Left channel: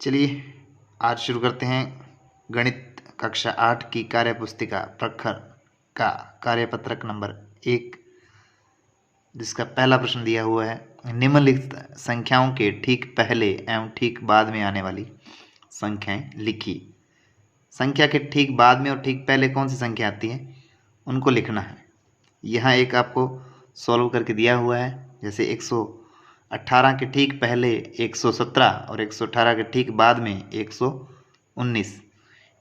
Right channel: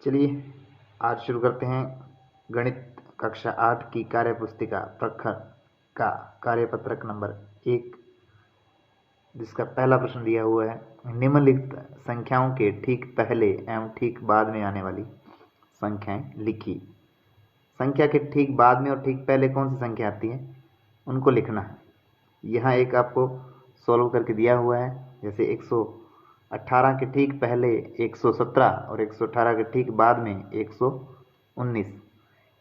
चलिए आज शुरू करते हैं गणित कक्षा 8 की कार्यपुस्तिका प्रखर का कार्यपत्रक नंबर 1, जिसका पहला प्रश्न दिया हुआ है। निम्नलिखित संख्याओं के ठीक पहले एवं ठीक बाद में आने वाली संख्याएं लिखी। संख्या के ठीक बाद में और ठीक पहले कौन सी संख्या आती है उनको लिखना है। यहाँ एक आपको सॉल्व करके दिया हुआ है, जैसे 118 के ठीक पहले 117 और 118 के ठीक बाद में 119,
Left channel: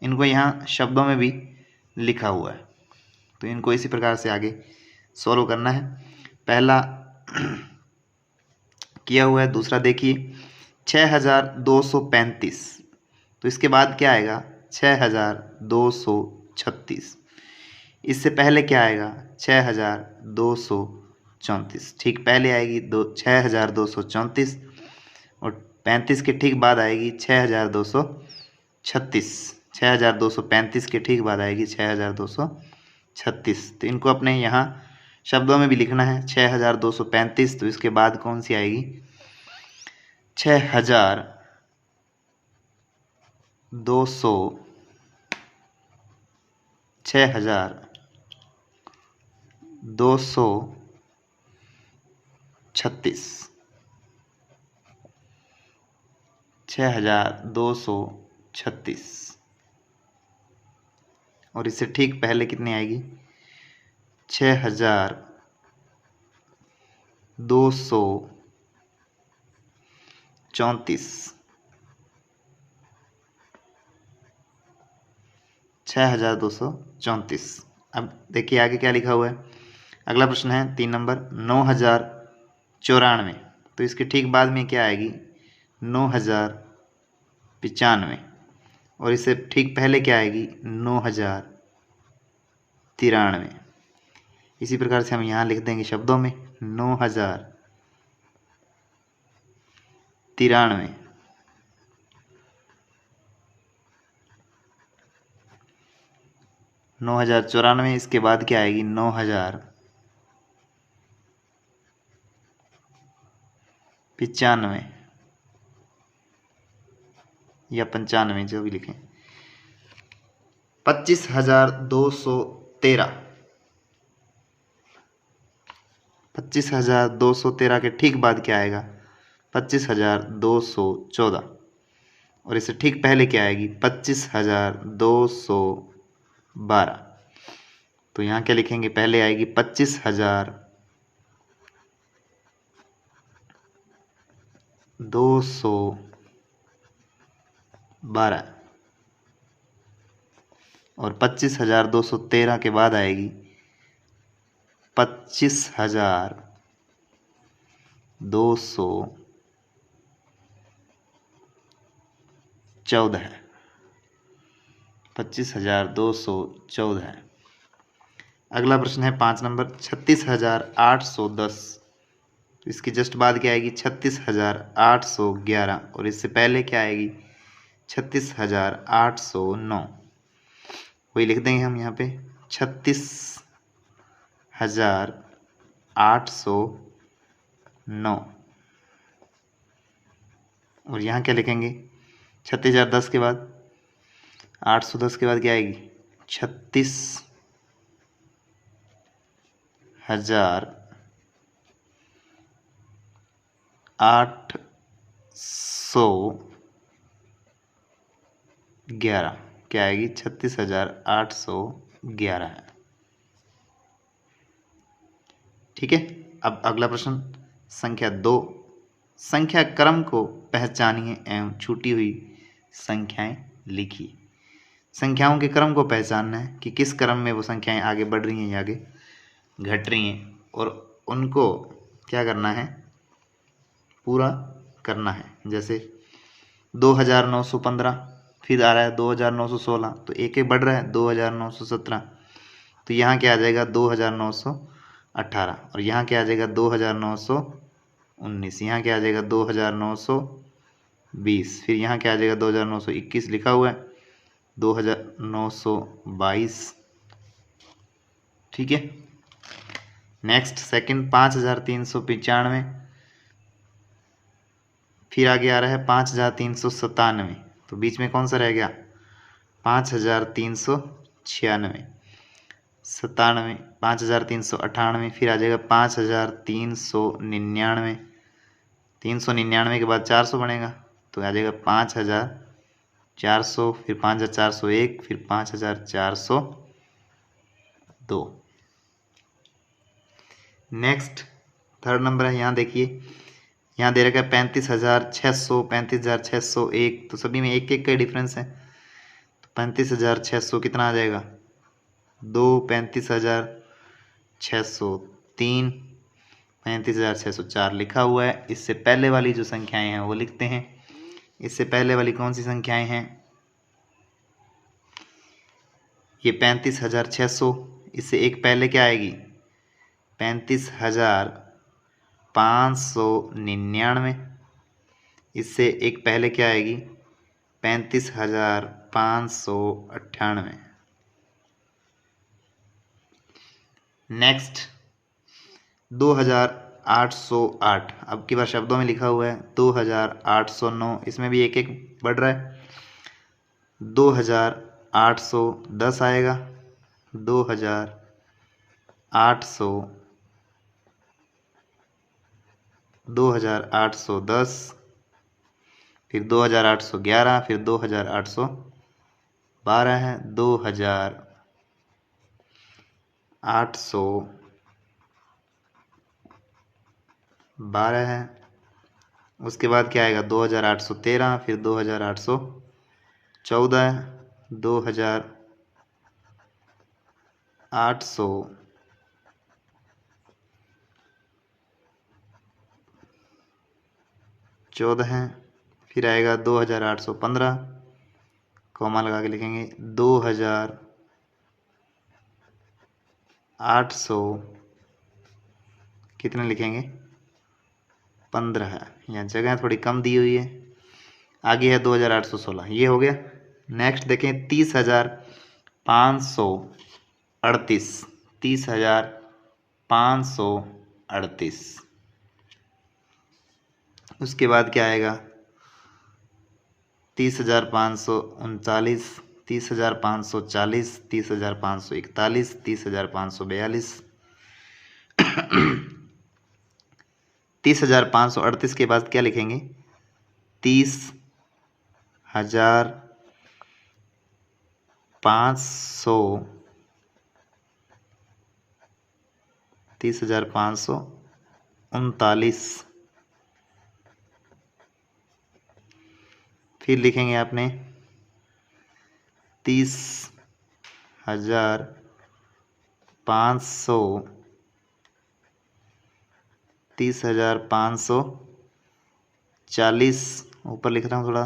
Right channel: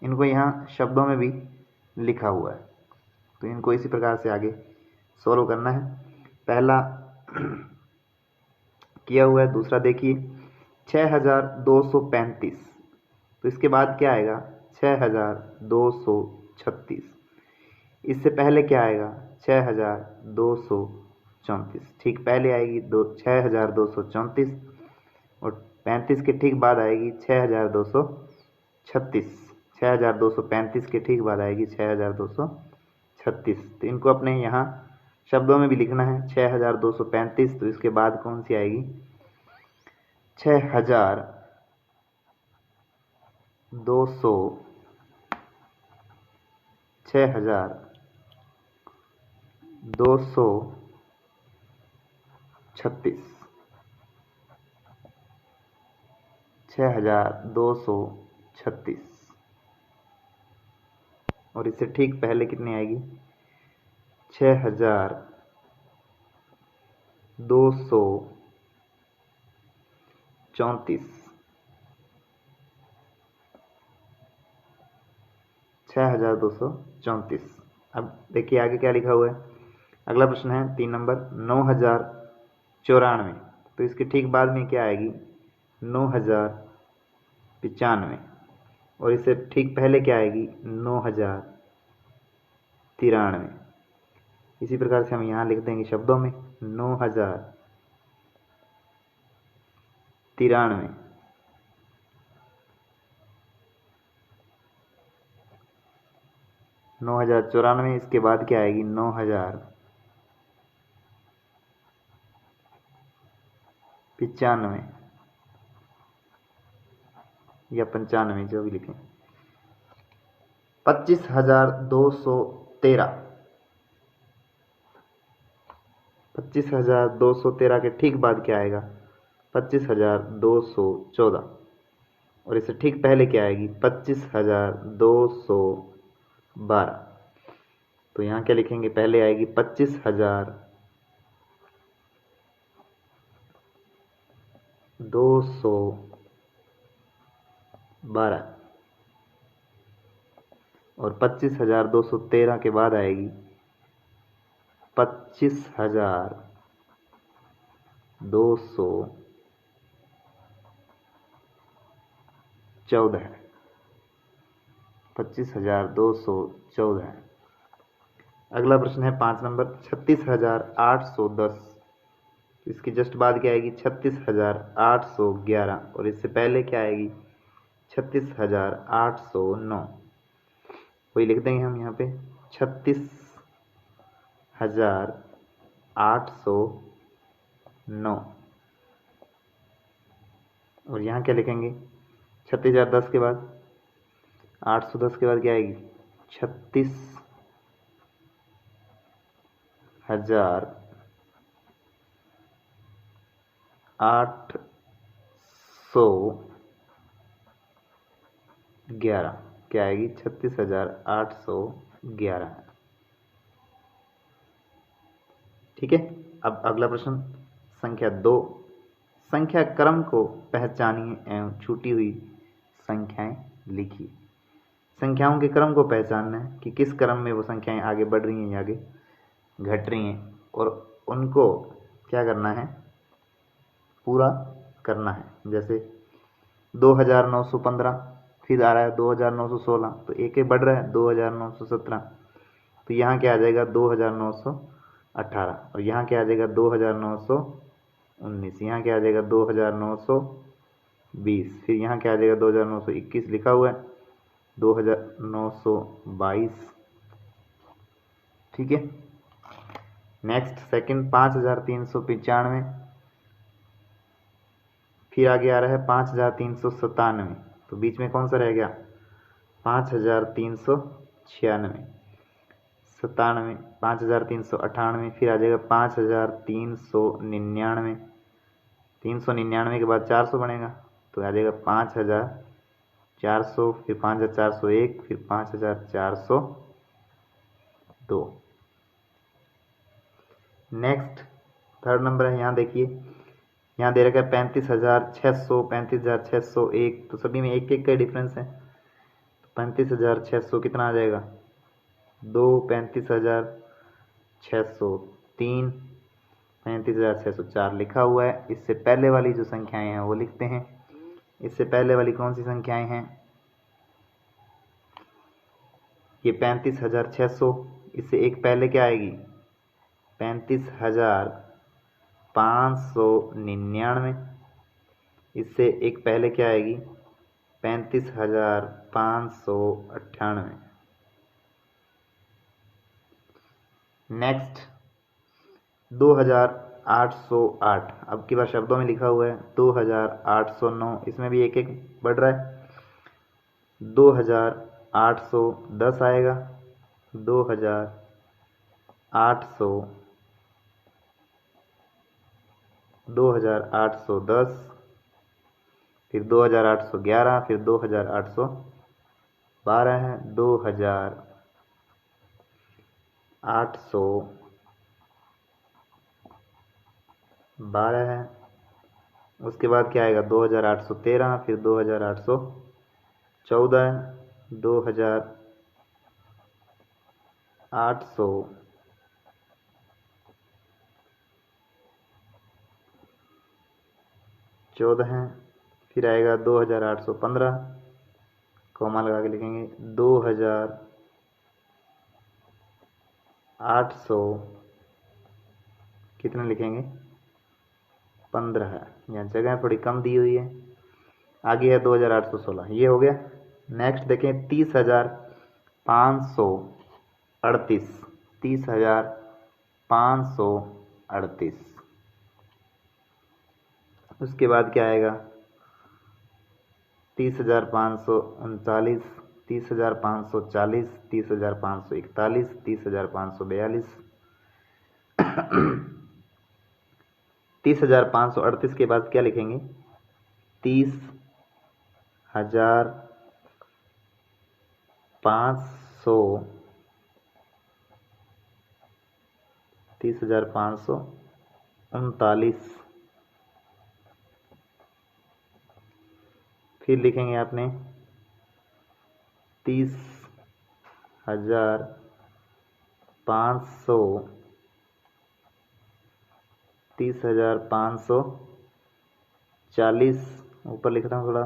इनको यहाँ शब्दों में भी लिखा हुआ है, तो इनको इसी प्रकार से आगे सॉल्व करना है। पहला किया हुआ है। दूसरा देखिए 6235, तो इसके बाद क्या आएगा 6236। इससे पहले क्या आएगा 6234, ठीक पहले आएगी 6234 और 35 के ठीक बाद आएगी 6236। 6235 के ठीक बाद आएगी 6236। तो इनको अपने यहाँ शब्दों में भी लिखना है। 6235, तो इसके बाद कौन सी आएगी 6236। 6236 और इससे ठीक पहले कितनी आएगी 6234। 6234। अब देखिए आगे क्या लिखा हुआ है। अगला प्रश्न है 3 नंबर 9094, तो इसके ठीक बाद में क्या आएगी 9095 और इससे ठीक पहले क्या आएगी 9093। इसी प्रकार से हम यहाँ लिख देंगे शब्दों में 9093। 9094, इसके बाद क्या आएगी 9095 या 95, जो भी लिखें। 25213। 25213 के ठीक बाद क्या आएगा 25214 और इससे ठीक पहले क्या आएगी 25212। तो यहाँ क्या लिखेंगे, पहले आएगी 25212 और 25213 के बाद आएगी 25214। 25214। अगला प्रश्न है 5 नंबर 36810, तो इसकी जस्ट बाद क्या आएगी 36811 और इससे पहले क्या आएगी 36809। वही लिख देंगे हम यहाँ पे 36809 और यहाँ क्या लिखेंगे 36010 के बाद 810 के बाद क्या आएगी 36811 क्या आएगी 36811 है। ठीक है। अब अगला प्रश्न संख्या 2, संख्या क्रम को पहचानिए एवं छूटी हुई संख्याएं लिखिए। संख्याओं के क्रम को पहचानना है कि किस क्रम में वो संख्याएं आगे बढ़ रही हैं या आगे घट रही हैं, और उनको क्या करना है पूरा करना है। जैसे 2915, फिर आ रहा है 2916, तो एक एक बढ़ रहा है 2917, तो यहाँ क्या आ जाएगा 2918 और यहाँ क्या आ जाएगा 2919, यहाँ क्या आ जाएगा 2920, फिर यहाँ क्या आ जाएगा 2921 लिखा हुआ है 2922। ठीक है। नेक्स्ट सेकंड 5395, फिर आगे आ रहा है 5397, तो बीच में कौन सा रह गया? 5396, 97, 5398, फिर आ जाएगा 5399, 399 के बाद 400 बनेगा तो आ जाएगा 5400, फिर 5401, फिर 5402। नेक्स्ट थर्ड नंबर है, यहाँ देखिए, यहाँ दे रखा है 35,600, 35,601, तो सभी में एक एक का डिफरेंस है। तो 35,600 कितना आ जाएगा? 2, 35,603, 35,604 लिखा हुआ है। इससे पहले वाली जो संख्याएं हैं वो लिखते हैं। इससे पहले वाली कौन सी संख्याएं हैं? ये 35,600, इससे एक पहले क्या आएगी? 35,599, इससे एक पहले क्या आएगी? 35,598। नेक्स्ट 2,808, अब की बार शब्दों में लिखा हुआ है 2,809, इसमें भी एक एक बढ़ रहा है। 2,810 आएगा, 2,800, 2,810, फिर 2,811, फिर 2,812 है, 2,812 है। उसके बाद क्या आएगा? 2,813, फिर 2,814 है, 2,814 है, फिर आएगा 2,815, कॉमा लगा के लिखेंगे 2,800, कितने लिखेंगे? 15 है, यहाँ जगह थोड़ी कम दी हुई है। आगे है 2,816, ये हो गया। नेक्स्ट देखें 30,538, 30,538, उसके बाद क्या आएगा? 30,539, 30,540, 30,541, 30,542, 30,538 के बाद क्या लिखेंगे? 30,500, 30,539, फिर लिखेंगे आपने 30,500, 30,540, ऊपर लिख रहा हूँ, थोड़ा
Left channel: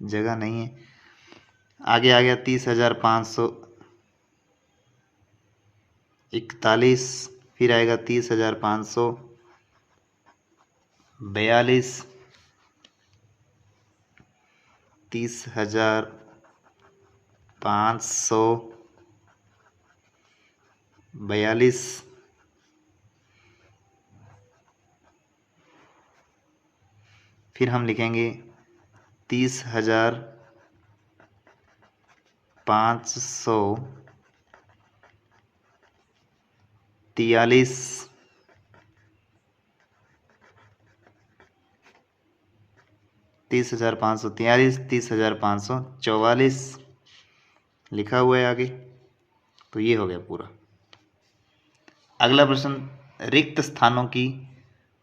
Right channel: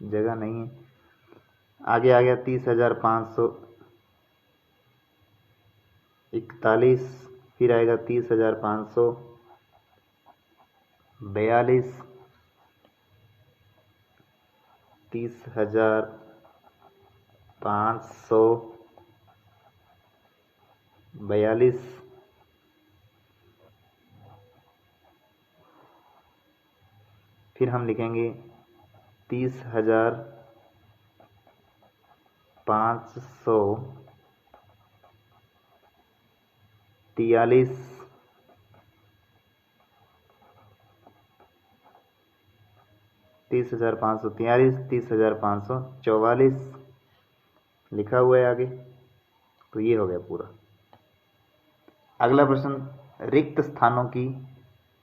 जगह नहीं है। आगे आ गया 30,541, फिर आएगा 30,542, 30,542, फिर हम लिखेंगे 30,543, 30,543, 30,544 लिखा हुआ है आगे। तो ये हो गया पूरा। अगला प्रश्न, रिक्त स्थानों की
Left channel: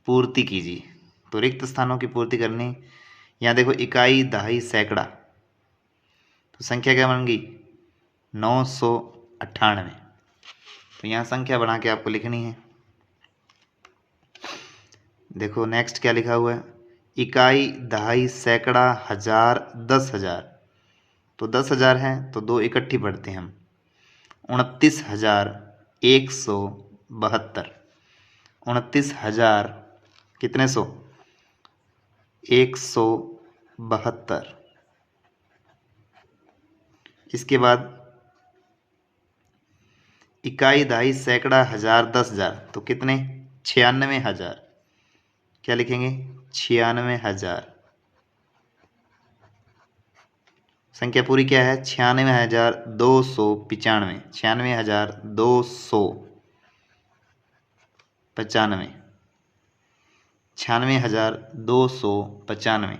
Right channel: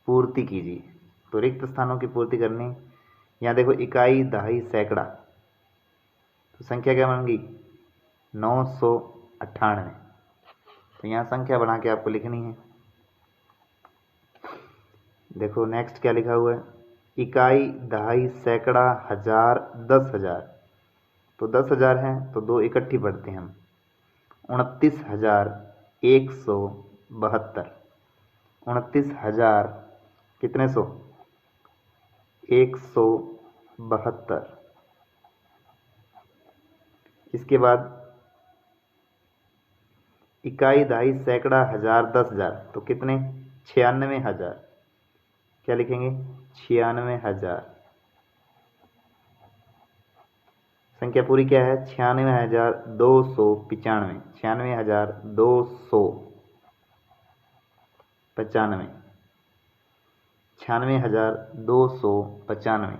पूर्ति कीजिए। तो रिक्त स्थानों की पूर्ति करनी, यहाँ देखो इकाई, दहाई, सैकड़ा, तो संख्या क्या बन गई? 998। तो यहाँ संख्या बना के आपको लिखनी है। देखो नेक्स्ट क्या लिखा हुआ है? इकाई, दहाई, सैकड़ा, हजार, 10,000। तो 10,000 है तो दो इकट्ठी पढ़ते हैं हम। 29,172, 29,000 कितने सौ? 172। इसके बाद इकाई, दहाई, सैकड़ा, हजार, 10,000, तो कितने? 96,000। क्या लिखेंगे? 96,000। संख्या पूरी क्या है? 96,295। 96,295। 96,295।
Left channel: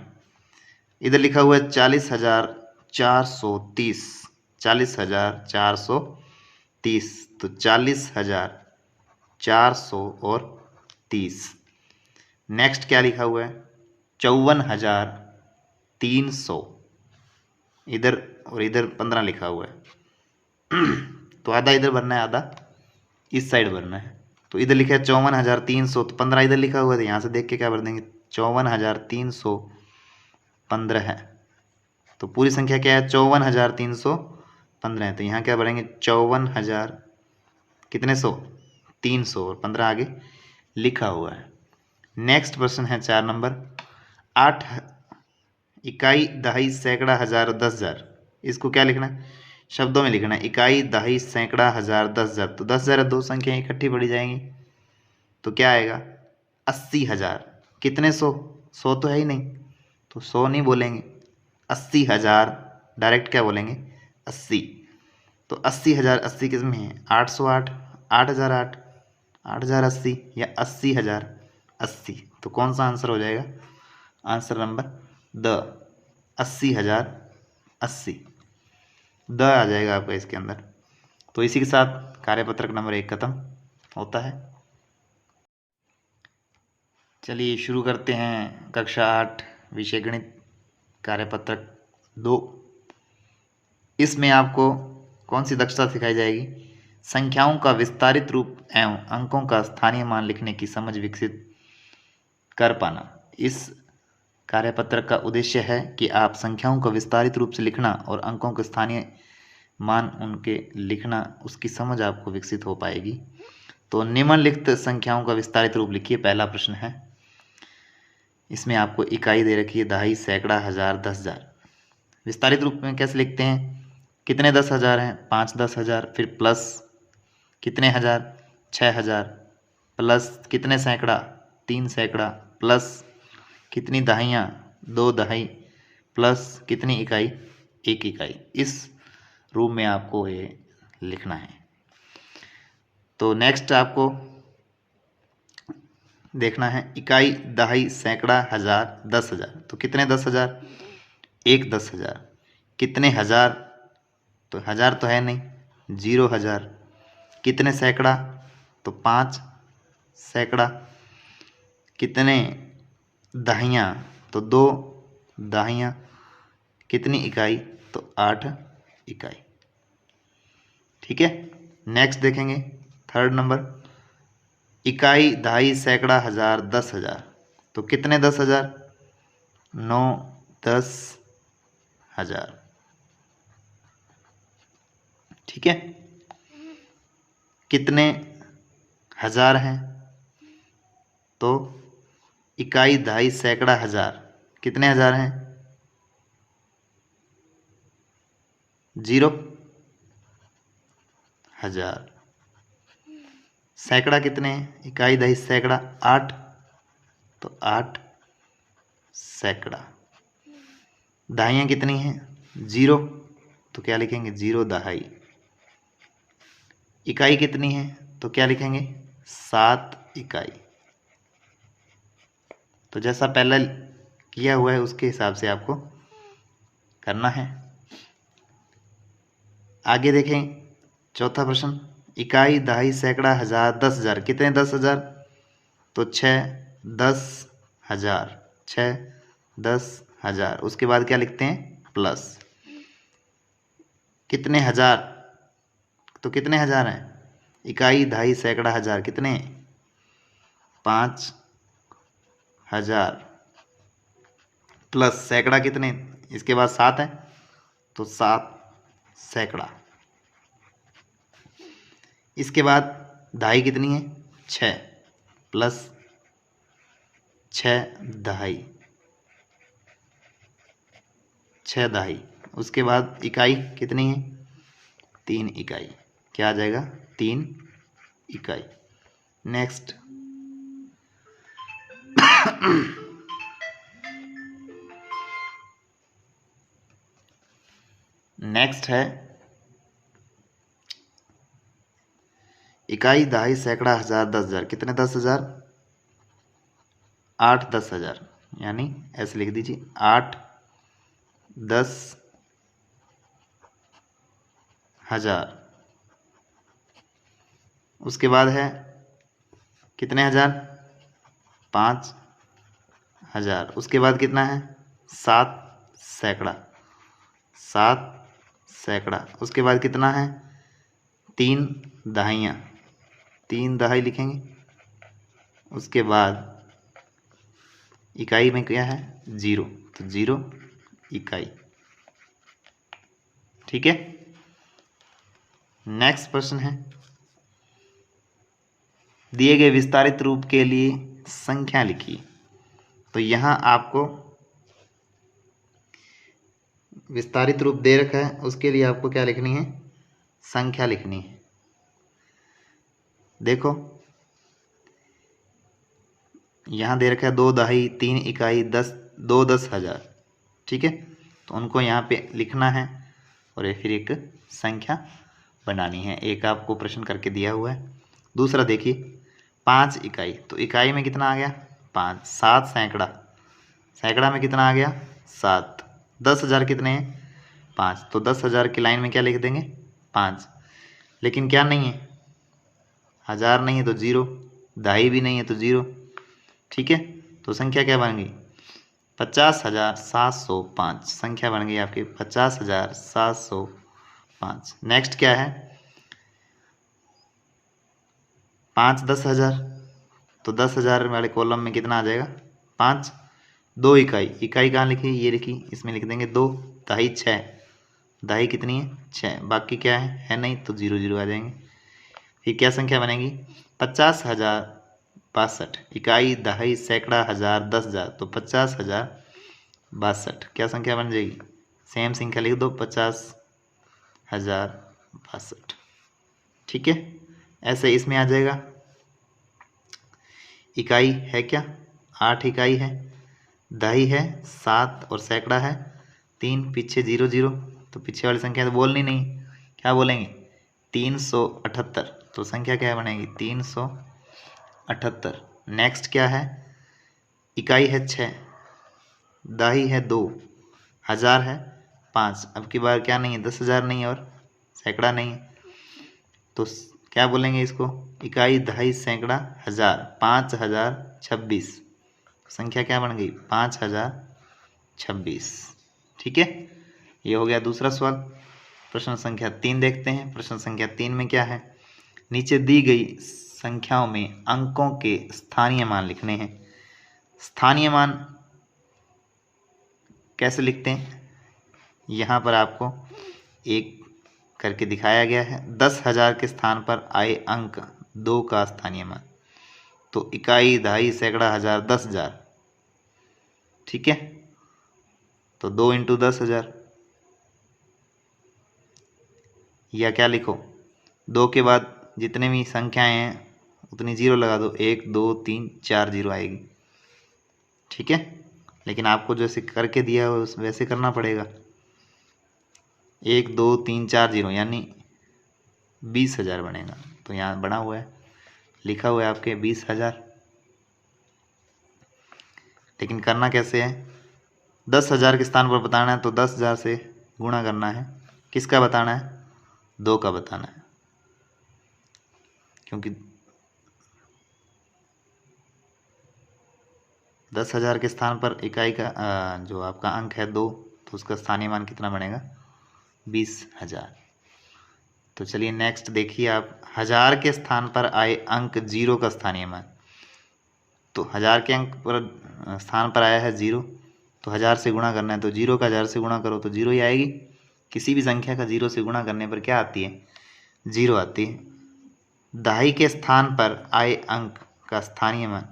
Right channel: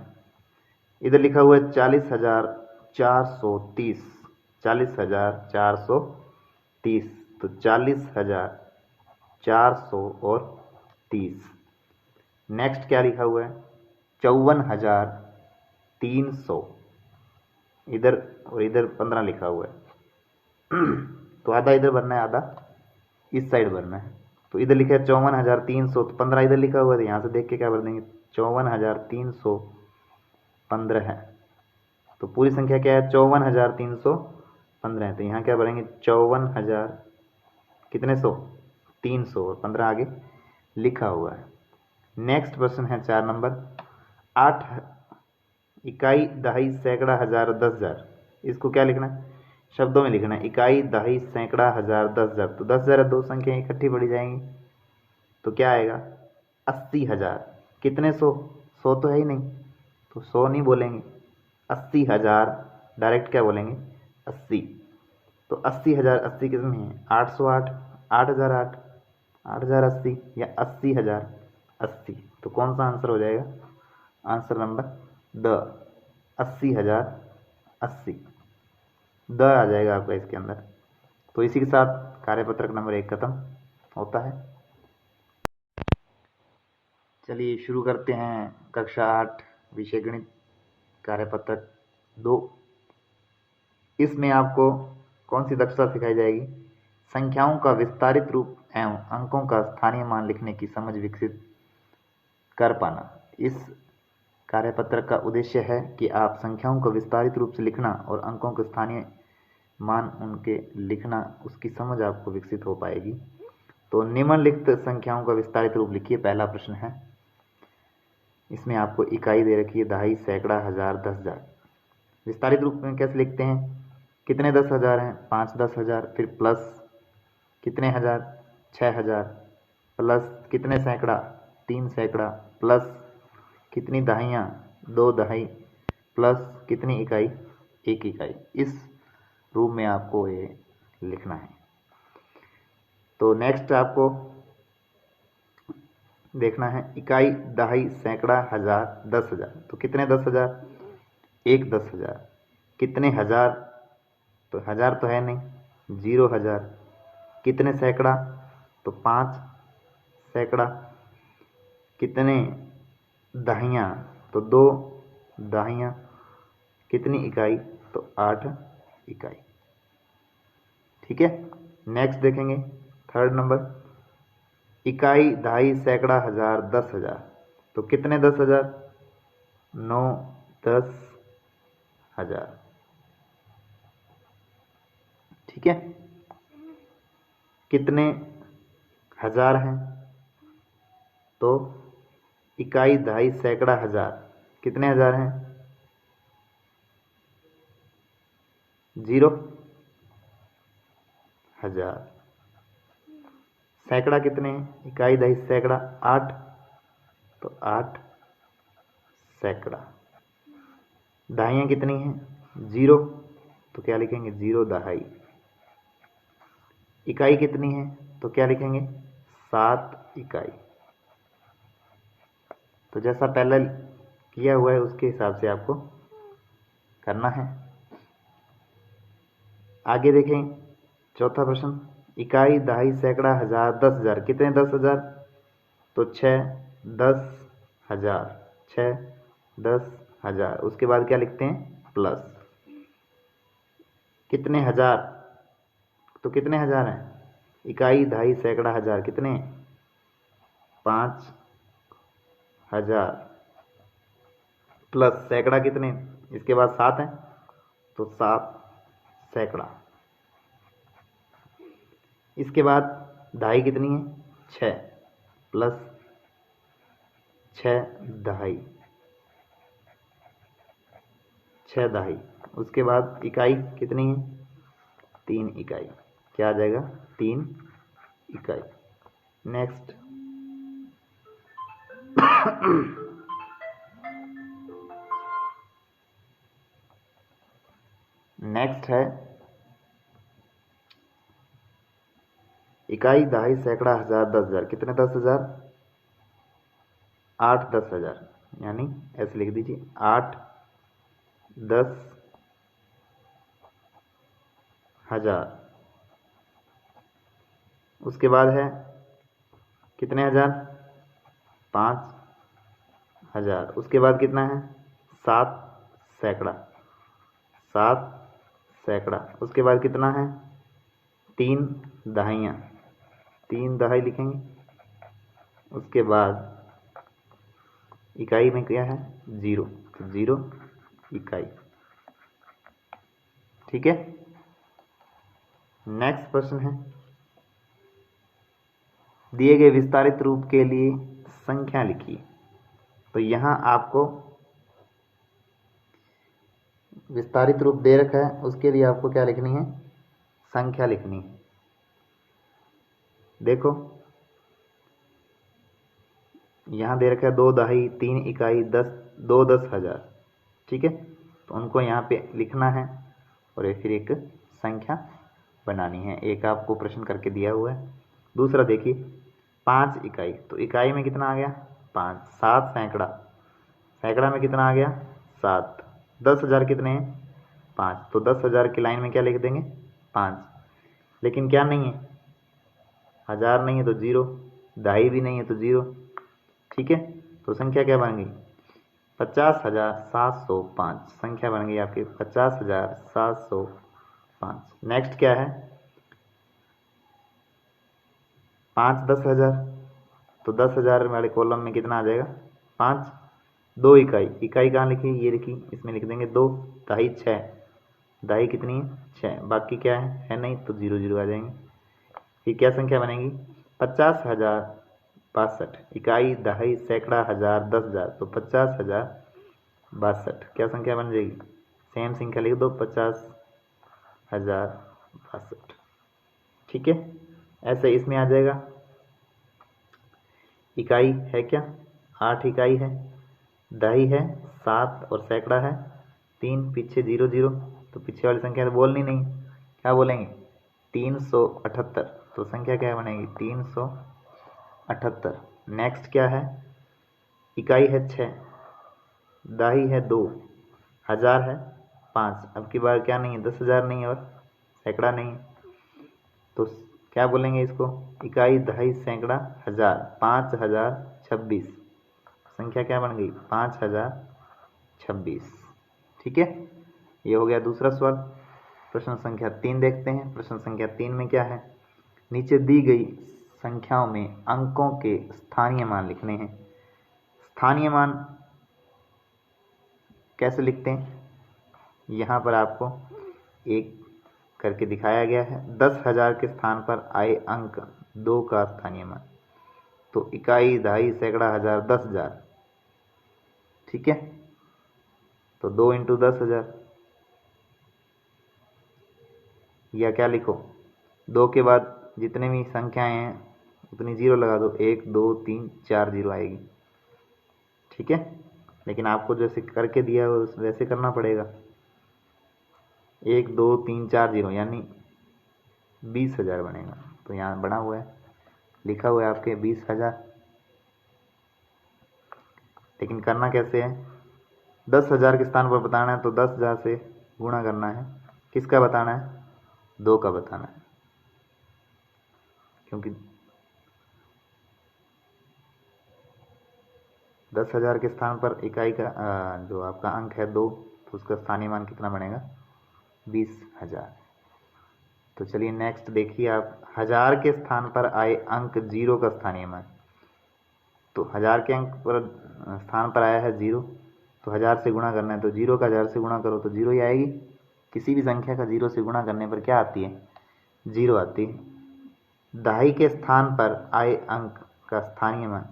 इधर लिखा हुआ है 40,430। 40,430। तो 40,430। नेक्स्ट क्या लिखा हुआ है? 54,300। इधर और इधर 15 लिखा हुआ है। तो आधा इधर भरना है, आधा इस साइड भरना है। तो इधर लिखा है 54,300, तो 15 इधर लिखा हुआ है, तो यहाँ से देख के क्या भर देंगे? 54,315 है। तो पूरी संख्या क्या है? 54,315 है। तो यहाँ क्या भरेंगे? 54,000 कितने सौ? 300 और 15 आगे लिखा हुआ है। नेक्स्ट प्रश्न है 4 नंबर। 8 इकाई, दहाई, सैकड़ा, हजार, 10,000। इसको क्या लिखना है? शब्दों में लिखना है। इकाई, दहाई, सैकड़ा, हजार, 10,000। तो 10,000 दो संख्या इकट्ठी पड़ी जाएंगी, तो क्या आएगा? 80,000। कितने सौ? 100 तो है ही नहीं, तो 100 नहीं बोलेंगे, 80,000 डायरेक्ट क्या बोलेंगे? 80। तो 80,000, 80 किस में है? 808, 8,008, 8,080 या 80,080। तो कौन सा आंसर हो जाएगा? Answer number the 80,080। द आ जाएगा आपका इसके अंदर। तो इसी के साथ कार्यपत्रक नंबर 1 खत्म होता है। चलिए शुरू करते हैं कक्षा 8 विषय गणित कार्यपत्रक 2। इसमें आपको कौन सी दक्षता सिखाई जाएगी? संख्याओं का विस्तारित रूप एवं अंकों का स्थानीय मान लिखने की समझ विकसित कर पाना। इस कार्यपत्रक का उद्देश्य है कि आप संख्याओं को विस्तारित रूप से लिखना और अंकों के स्थानीय मान उनके लिखना, उसकी समझ आपको विकसित हो पाएगी। तो निम्नलिखित संख्याओं का विस्तारित रूप लिखिए। पहला प्रश्न है, इसमें आपको इकाई दे रखी है, दहाई, सैकड़ा, हजार, 10,000। विस्तारित रूप में कैसे लिखते हैं? कितने 10,000 हैं? 5 10,000। फिर प्लस कितने हजार? 6,000। प्लस कितने सैकड़ा? 3 सैकड़ा। प्लस कितनी दहाइयाँ? 2 दहाई। प्लस कितनी इकाई? 1 इकाई। इस रूप में आपको ये लिखना है। तो नेक्स्ट आपको देखना है, इकाई, दहाई, सैकड़ा, हजार, 10,000। तो कितने 10,000? 1 10,000। कितने हजार? तो हजार तो है नहीं, 0,000। कितने सैकड़ा? तो 5 सैकड़ा। कितने दहाइयाँ? तो 2 दहाइयाँ। कितनी इकाई? तो 8 इकाई। ठीक है। नेक्स्ट देखेंगे थर्ड नंबर, इकाई, दहाई, सैकड़ा, हजार, 10,000। तो कितने 10,000? 9 10,000। ठीक है। कितने हजार हैं? तो इकाई, दहाई, सैकड़ा, हजार, कितने हजार हैं? 0,000। सैकड़ा कितने हैं? इकाई, दहाई, सैकड़ा 8। तो 8 सैकड़ा। दहाइयाँ कितनी हैं? 0। तो क्या लिखेंगे? 0 दहाई। इकाई कितनी है? तो क्या लिखेंगे? 7 इकाई। तो जैसा पहले किया हुआ है उसके हिसाब से आपको करना है। आगे देखें चौथा प्रश्न, इकाई, दहाई, सैकड़ा, हजार, 10,000। कितने 10,000? तो 6 10,000। 6 10,000। उसके बाद क्या लिखते हैं? प्लस कितने हजार? तो कितने हजार हैं? इकाई, दहाई, सैकड़ा, हजार, कितने? 5,000। प्लस सैकड़ा कितने? इसके बाद 7 है, तो 7 सैकड़ा। इसके बाद दहाई कितनी है? 6 प्लस 6 दहाई। 6 दहाई। उसके बाद इकाई कितनी है? 3 इकाई। क्या आ जाएगा? 3 इकाई। नेक्स्ट नेक्स्ट है इकाई, दहाई, सैकड़ा, हजार, 10,000। कितने 10,000? 8 10,000, यानी ऐसे लिख दीजिए 8 10,000। उसके बाद है कितने हजार? 5,000। उसके बाद कितना है? 7 सैकड़ा, 7 सैकड़ा। उसके बाद कितना है? 3 दहाइयाँ, 3 दहाई लिखेंगे। उसके बाद इकाई में क्या है? 0, तो 0 इकाई। ठीक है। नेक्स्ट प्रश्न है, दिए गए विस्तारित रूप के लिए संख्या लिखिए। तो यहां आपको विस्तारित रूप दे रखा है, उसके लिए आपको क्या लिखनी है? संख्या लिखनी है। देखो यहां दे रखा है 2 दहाई, 3 इकाई, 10, 2 10,000। ठीक है, तो उनको यहाँ पे लिखना है और फिर एक संख्या बनानी है। एक आपको प्रश्न करके दिया हुआ है। दूसरा देखिए 5 इकाई, तो इकाई में कितना आ गया? 5। 7 सैकड़ा, सैकड़ा में कितना आ गया? 7। 10,000 कितने हैं? 5। तो 10,000 की लाइन में क्या लिख देंगे? 5। लेकिन क्या नहीं है? हजार नहीं है तो 0, दहाई भी नहीं है तो 0। ठीक है, तो संख्या क्या बन गई? 50,705 संख्या बन गई आपकी 50,705। नेक्स्ट क्या है? 5 10,000, तो 10,000 वाले कॉलम में कितना आ जाएगा? 5। 2 इकाई, इकाई कहाँ लिखी? ये लिखी, इसमें लिख देंगे 2। दहाई 6, दहाई कितनी है? 6। बाकी क्या है नहीं, तो 0 0 आ जाएंगे। फिर क्या संख्या बनेगी? 50,062। इकाई, दहाई, सैकड़ा, हजार, 10,000, तो 50,062। क्या संख्या बन जाएगी? सेम संख्या लिख दो, 50,062। ठीक है, ऐसे इसमें आ जाएगा। इकाई है क्या? 8 इकाई है, दहाई है 7 और सैकड़ा है 3। पीछे 0 0, तो पीछे वाली संख्या तो बोलनी नहीं, क्या बोलेंगे? 378। तो संख्या क्या बनेगी? 378। नेक्स्ट क्या है? इकाई है 6, दहाई है 2, हजार है 5। अब की बार क्या नहीं है? 10,000 नहीं है और सैकड़ा नहीं है, तो क्या बोलेंगे इसको? इकाई, दहाई, सैकड़ा, हजार, 5,026। संख्या क्या बन गई? 5,026। ठीक है, ये हो गया दूसरा सवाल। प्रश्न संख्या 3 देखते हैं। प्रश्न संख्या 3 में क्या है? नीचे दी गई संख्याओं में अंकों के स्थानीय मान लिखने हैं। स्थानीय मान कैसे लिखते हैं? यहाँ पर आपको एक करके दिखाया गया है। 10,000 के स्थान पर आए अंक 2 का स्थानीय मान, तो इकाई, दहाई, सैकड़ा, हजार, 10,000। ठीक है, तो 2 × 10,000, या क्या लिखो, 2 के बाद जितने भी संख्याएं हैं उतनी 0 लगा दो। 1 2 3 4 0 आएगी। ठीक है, लेकिन आपको जैसे करके दिया हो वैसे करना पड़ेगा। 1 2 3 4 0 यानी 20,000 बनेगा। तो यहाँ बना हुआ है, लिखा हुआ है आपके 20,000। लेकिन करना कैसे है? 10,000 के स्थान पर बताना है तो 10,000 से गुणा करना है। किसका बताना है? 2 का बताना है, क्योंकि 10,000 के स्थान पर इकाई का जो आपका अंक है 2, तो उसका स्थानीय मान कितना बनेगा? 20,000। तो चलिए नेक्स्ट देखिए आप, हजार के स्थान पर आए अंक 0 का स्थानीय मान। तो हजार के अंक पर स्थान पर आया है 0, तो हजार से गुणा करना है, तो 0 का हजार से गुणा करो तो 0 ही आएगी। किसी भी संख्या का 0 से गुणा करने पर क्या आती है? 0 आती है। दहाई के स्थान पर आए अंक का स्थानीय मान,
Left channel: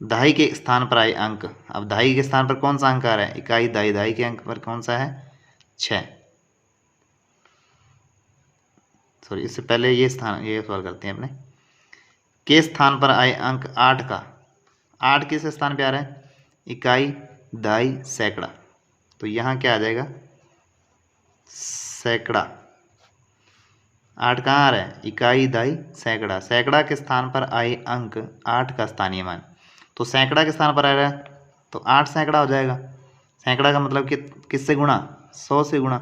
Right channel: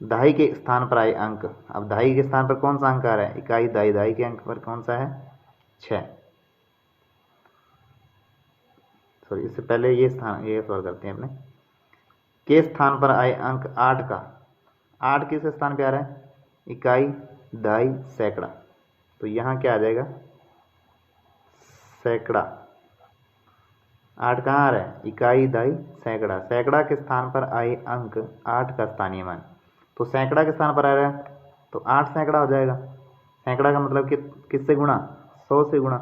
दहाई के स्थान पर आए अंक, अब दहाई के स्थान पर कौन सा अंक आ रहा है? इकाई, दहाई, दहाई के अंक पर कौन सा है? 6। सॉरी, इससे पहले ये सवाल करते हैं अपने। के स्थान पर आए अंक 8 का, 8 किस स्थान पे आ रहा है? इकाई, दहाई, सैकड़ा। तो यहाँ क्या आ जाएगा? सैकड़ा। 8 कहाँ आ रहा है? इकाई, दहाई, सैकड़ा। सैकड़ा के स्थान पर आए अंक 8 का स्थानीय मान। तो सैकड़ा के स्थान पर आ रहा है तो 8 सैकड़ा हो जाएगा। सैकड़ा का मतलब कि किससे गुणा? 100 से गुणा।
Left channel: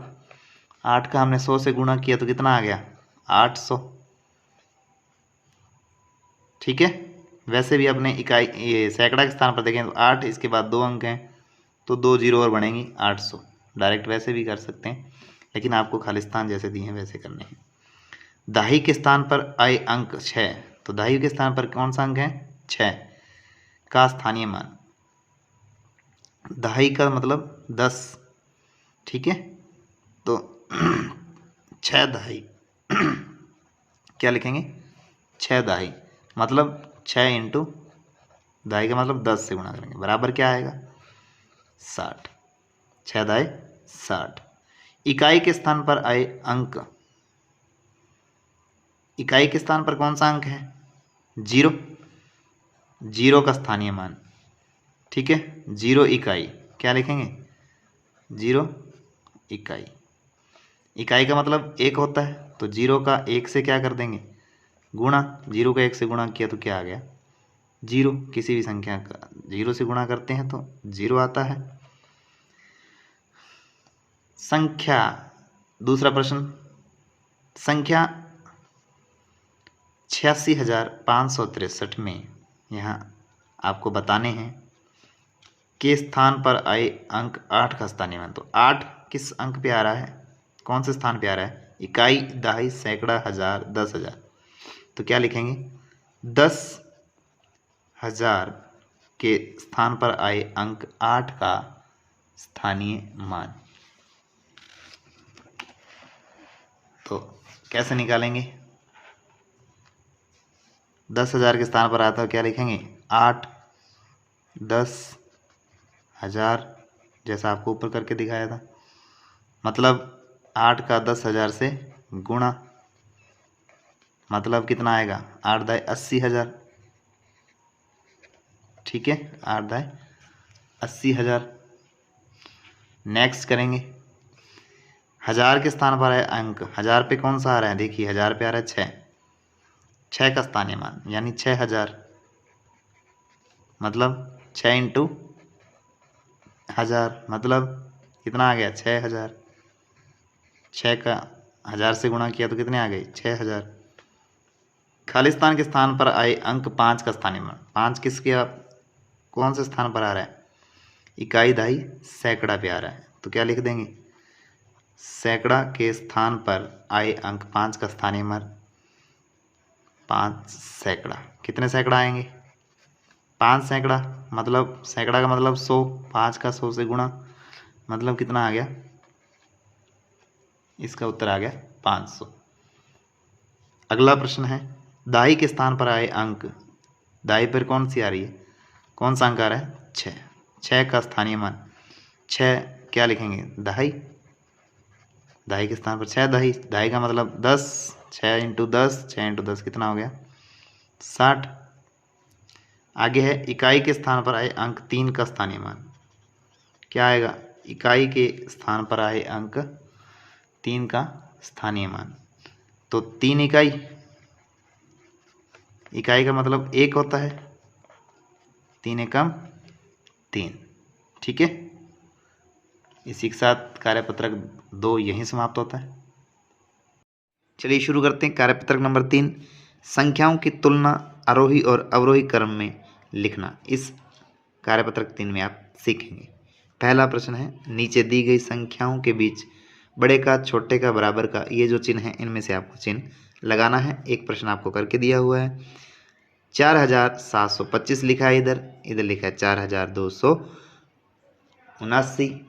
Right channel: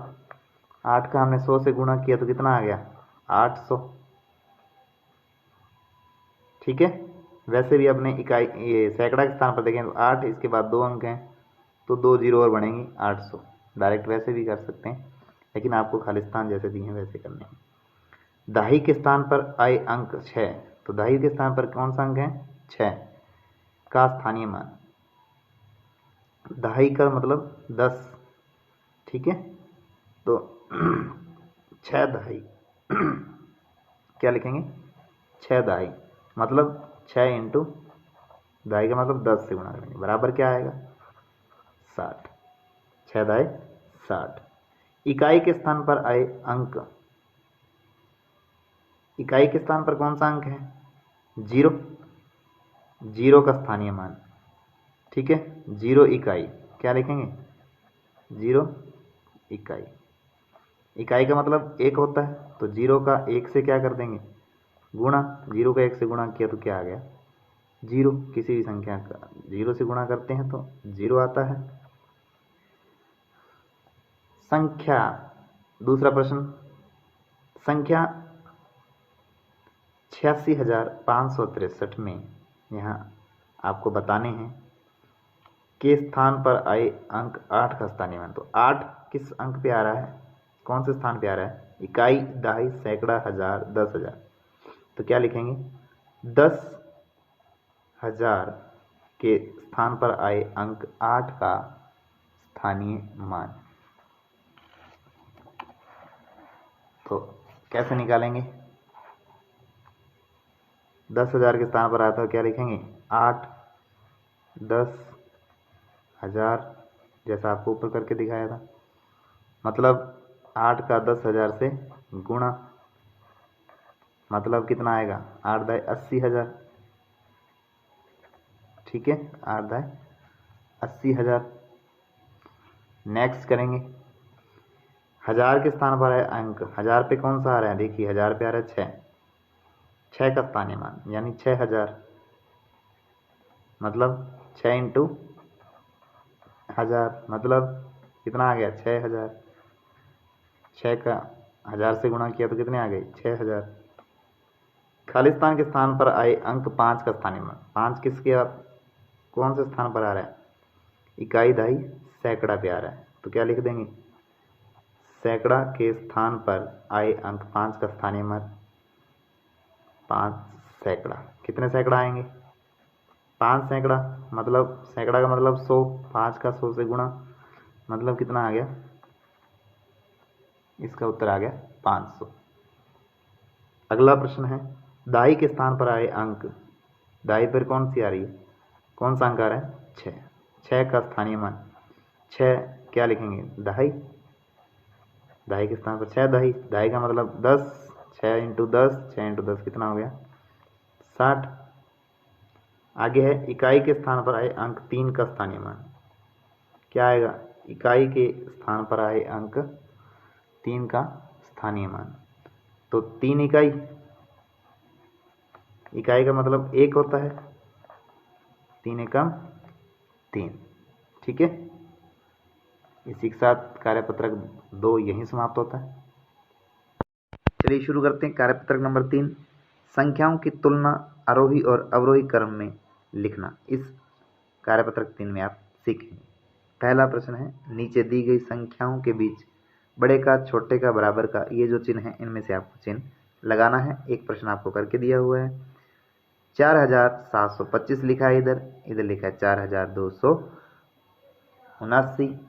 8 का हमने 100 से गुणा किया तो कितना आ गया? 800। ठीक है। वैसे भी अपने इकाई ये सैकड़ा के स्थान पर देखें तो 8, इसके बाद 2 अंक हैं तो 2 जीरो और बढ़ेंगी 800। डायरेक्ट वैसे भी कर सकते हैं, लेकिन आपको खालिस्तान जैसे दिए हैं वैसे करने हैं। दहाई के स्थान पर आए अंक 6। तो दहाई के स्थान पर कौन सा अंक है? 6 का स्थानीय मान। दहाई का मतलब 10। ठीक है। तो 6 दहाई क्या लिखेंगे? 6 दहाई मतलब 6 इंटू दहाई का मतलब 10 से गुणा करेंगे, बराबर क्या आएगा? 60। 6 दहाई 60। इकाई के स्थान पर आए अंक। इकाई के स्थान पर कौन सा अंक है? 0। 0 का स्थानीय मान। ठीक है। 0 इकाई क्या लिखेंगे? 0 इकाई। इकाई का मतलब 1 होता है तो 0 का 1 से क्या कर देंगे? गुणा। 0 का 1 से गुणा किया तो क्या आ गया? 0। किसी भी संख्या का 0 से गुणा करते हैं तो 0 आता है। संख्या, दूसरा प्रश्न, संख्या 86,563 में यहाँ आपको बताने हैं के स्थान पर आए अंक 8 का स्थानीय मान। तो 8 किस अंक पे आ रहा है? कौन से स्थान पे आ रहा है? इकाई, दहाई, सैकड़ा, हजार, 10,000। तो क्या लिखेंगे? 10,000 के स्थान पर आए अंक 8 का स्थानीय मान। तो कैसे निकालेंगे? 10,000 के स्थान पर आता है क्या लिखेंगे? 8 10,000 जैसा आपको ऊपर करके दिखाया था, मतलब 8 का 10,000 से गुणा, मतलब कितना आएगा? 8 दाई 80,000। ठीक है। 8 दाई 80,000। नेक्स्ट करेंगे, हजार के स्थान पर है अंक। हजार पे कौन सा आ रहा है? देखिए हजार पे आ रहा है 6। 6 का स्थानीय मान यानी 6,000, मतलब 6 इंटू हजार, मतलब कितना आ गया? 6,000। 6 का 1000 से गुणा किया तो कितने आ गए? 6,000। खालिस्तान के स्थान पर आए अंक 5 का स्थानीय मान। 5 किसके कौन से स्थान पर आ रहा है? इकाई, दहाई, सैकड़ा पे आ रहा है तो क्या लिख देंगे? सैकड़ा के स्थान पर आए अंक 5 का स्थानीय मान 5 सैकड़ा। कितने सैकड़ा आएंगे? 5 सैकड़ा, मतलब सैकड़ा का मतलब 100। 5 का 100 से गुणा, मतलब कितना आ गया? इसका उत्तर आ गया 500। अगला प्रश्न है, दाई के स्थान पर आए अंक। दाई पर कौन सी आ रही है? कौन सा अंक आ रहा है? 6। 6 का स्थानीय मान 6 क्या लिखेंगे? दहाई। दहाई के स्थान पर 6 दहाई। दहाई का मतलब 10। 6 इंटू 10, 6 इंटू 10 कितना हो गया? 60। आगे है, इकाई के स्थान पर आए अंक 3 का स्थानीय मान। क्या आएगा? इकाई के स्थान पर आए अंक 3 का स्थानीय मान। तो 3 इकाई। इकाई का मतलब 1 होता है। 3 एकम 3। ठीक है। इसी के साथ कार्यपत्रक 2 यहीं समाप्त होता है। चलिए शुरू करते हैं कार्यपत्रक नंबर 3, संख्याओं की तुलना आरोही और अवरोही क्रम में लिखना। इस कार्यपत्रक 3 में आप सीखेंगे। पहला प्रश्न है, नीचे दी गई संख्याओं के बीच बड़े का, छोटे का, बराबर का, ये जो चिन्ह है इनमें से आपको चिन्ह लगाना है। एक प्रश्न आपको करके दिया हुआ है। 4,725 लिखा है, इधर इधर लिखा है 4,279।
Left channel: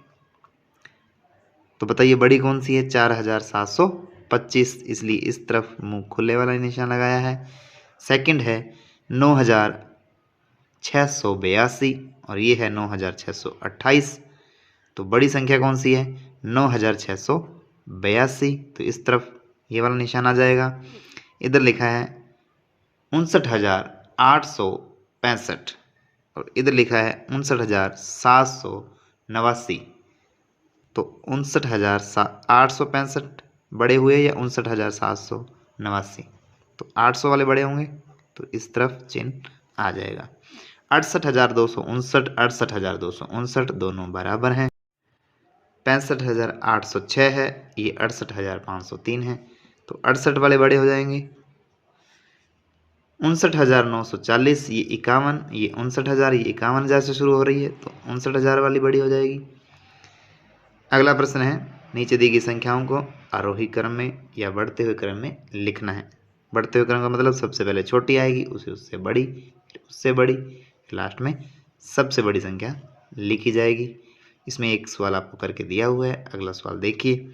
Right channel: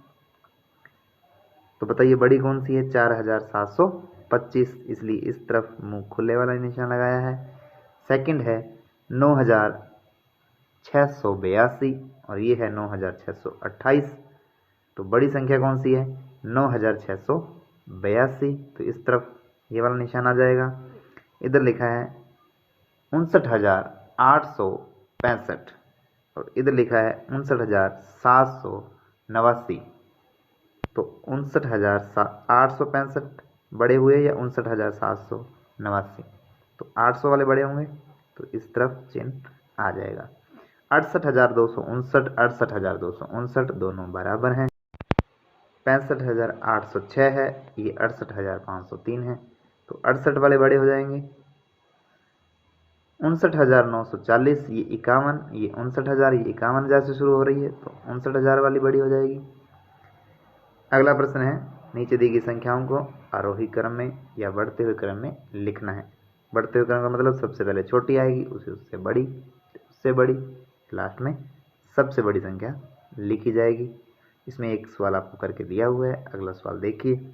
तो बताइए बड़ी कौन सी है? 4,725, इसलिए इस तरफ मुंह खुले वाला निशान लगाया है। सेकंड है 9,682 और ये है 9,628। तो बड़ी संख्या कौन सी है? 9,682, तो इस तरफ ये वाला निशान आ जाएगा। इधर लिखा है 59,865, और इधर लिखा है 59,789। तो 59,865 बड़े हुए या 59,789? तो 800 वाले बड़े होंगे, तो इस तरफ चिन्ह आ जाएगा। 68,259, 68,259 दोनों बराबर हैं। 65,806 है, ये 68,503 है, तो 68 वाले बड़े हो जाएंगे। 59,940, ये 51, ये 59,000, ये 51,000 से शुरू हो रही है, तो 59,000 वाली बड़ी हो जाएगी। अगला प्रश्न है, नीचे दी गई संख्याओं को आरोही क्रम में या बढ़ते हुए क्रम में लिखना है। बढ़ते हुए क्रम का मतलब सबसे पहले छोटी आएगी, उसे उससे बड़ी, फिर उससे बड़ी, लास्ट में सबसे बड़ी संख्या लिखी जाएगी। इसमें एक सवाल आपको करके दिया हुआ है, अगला सवाल देखिए।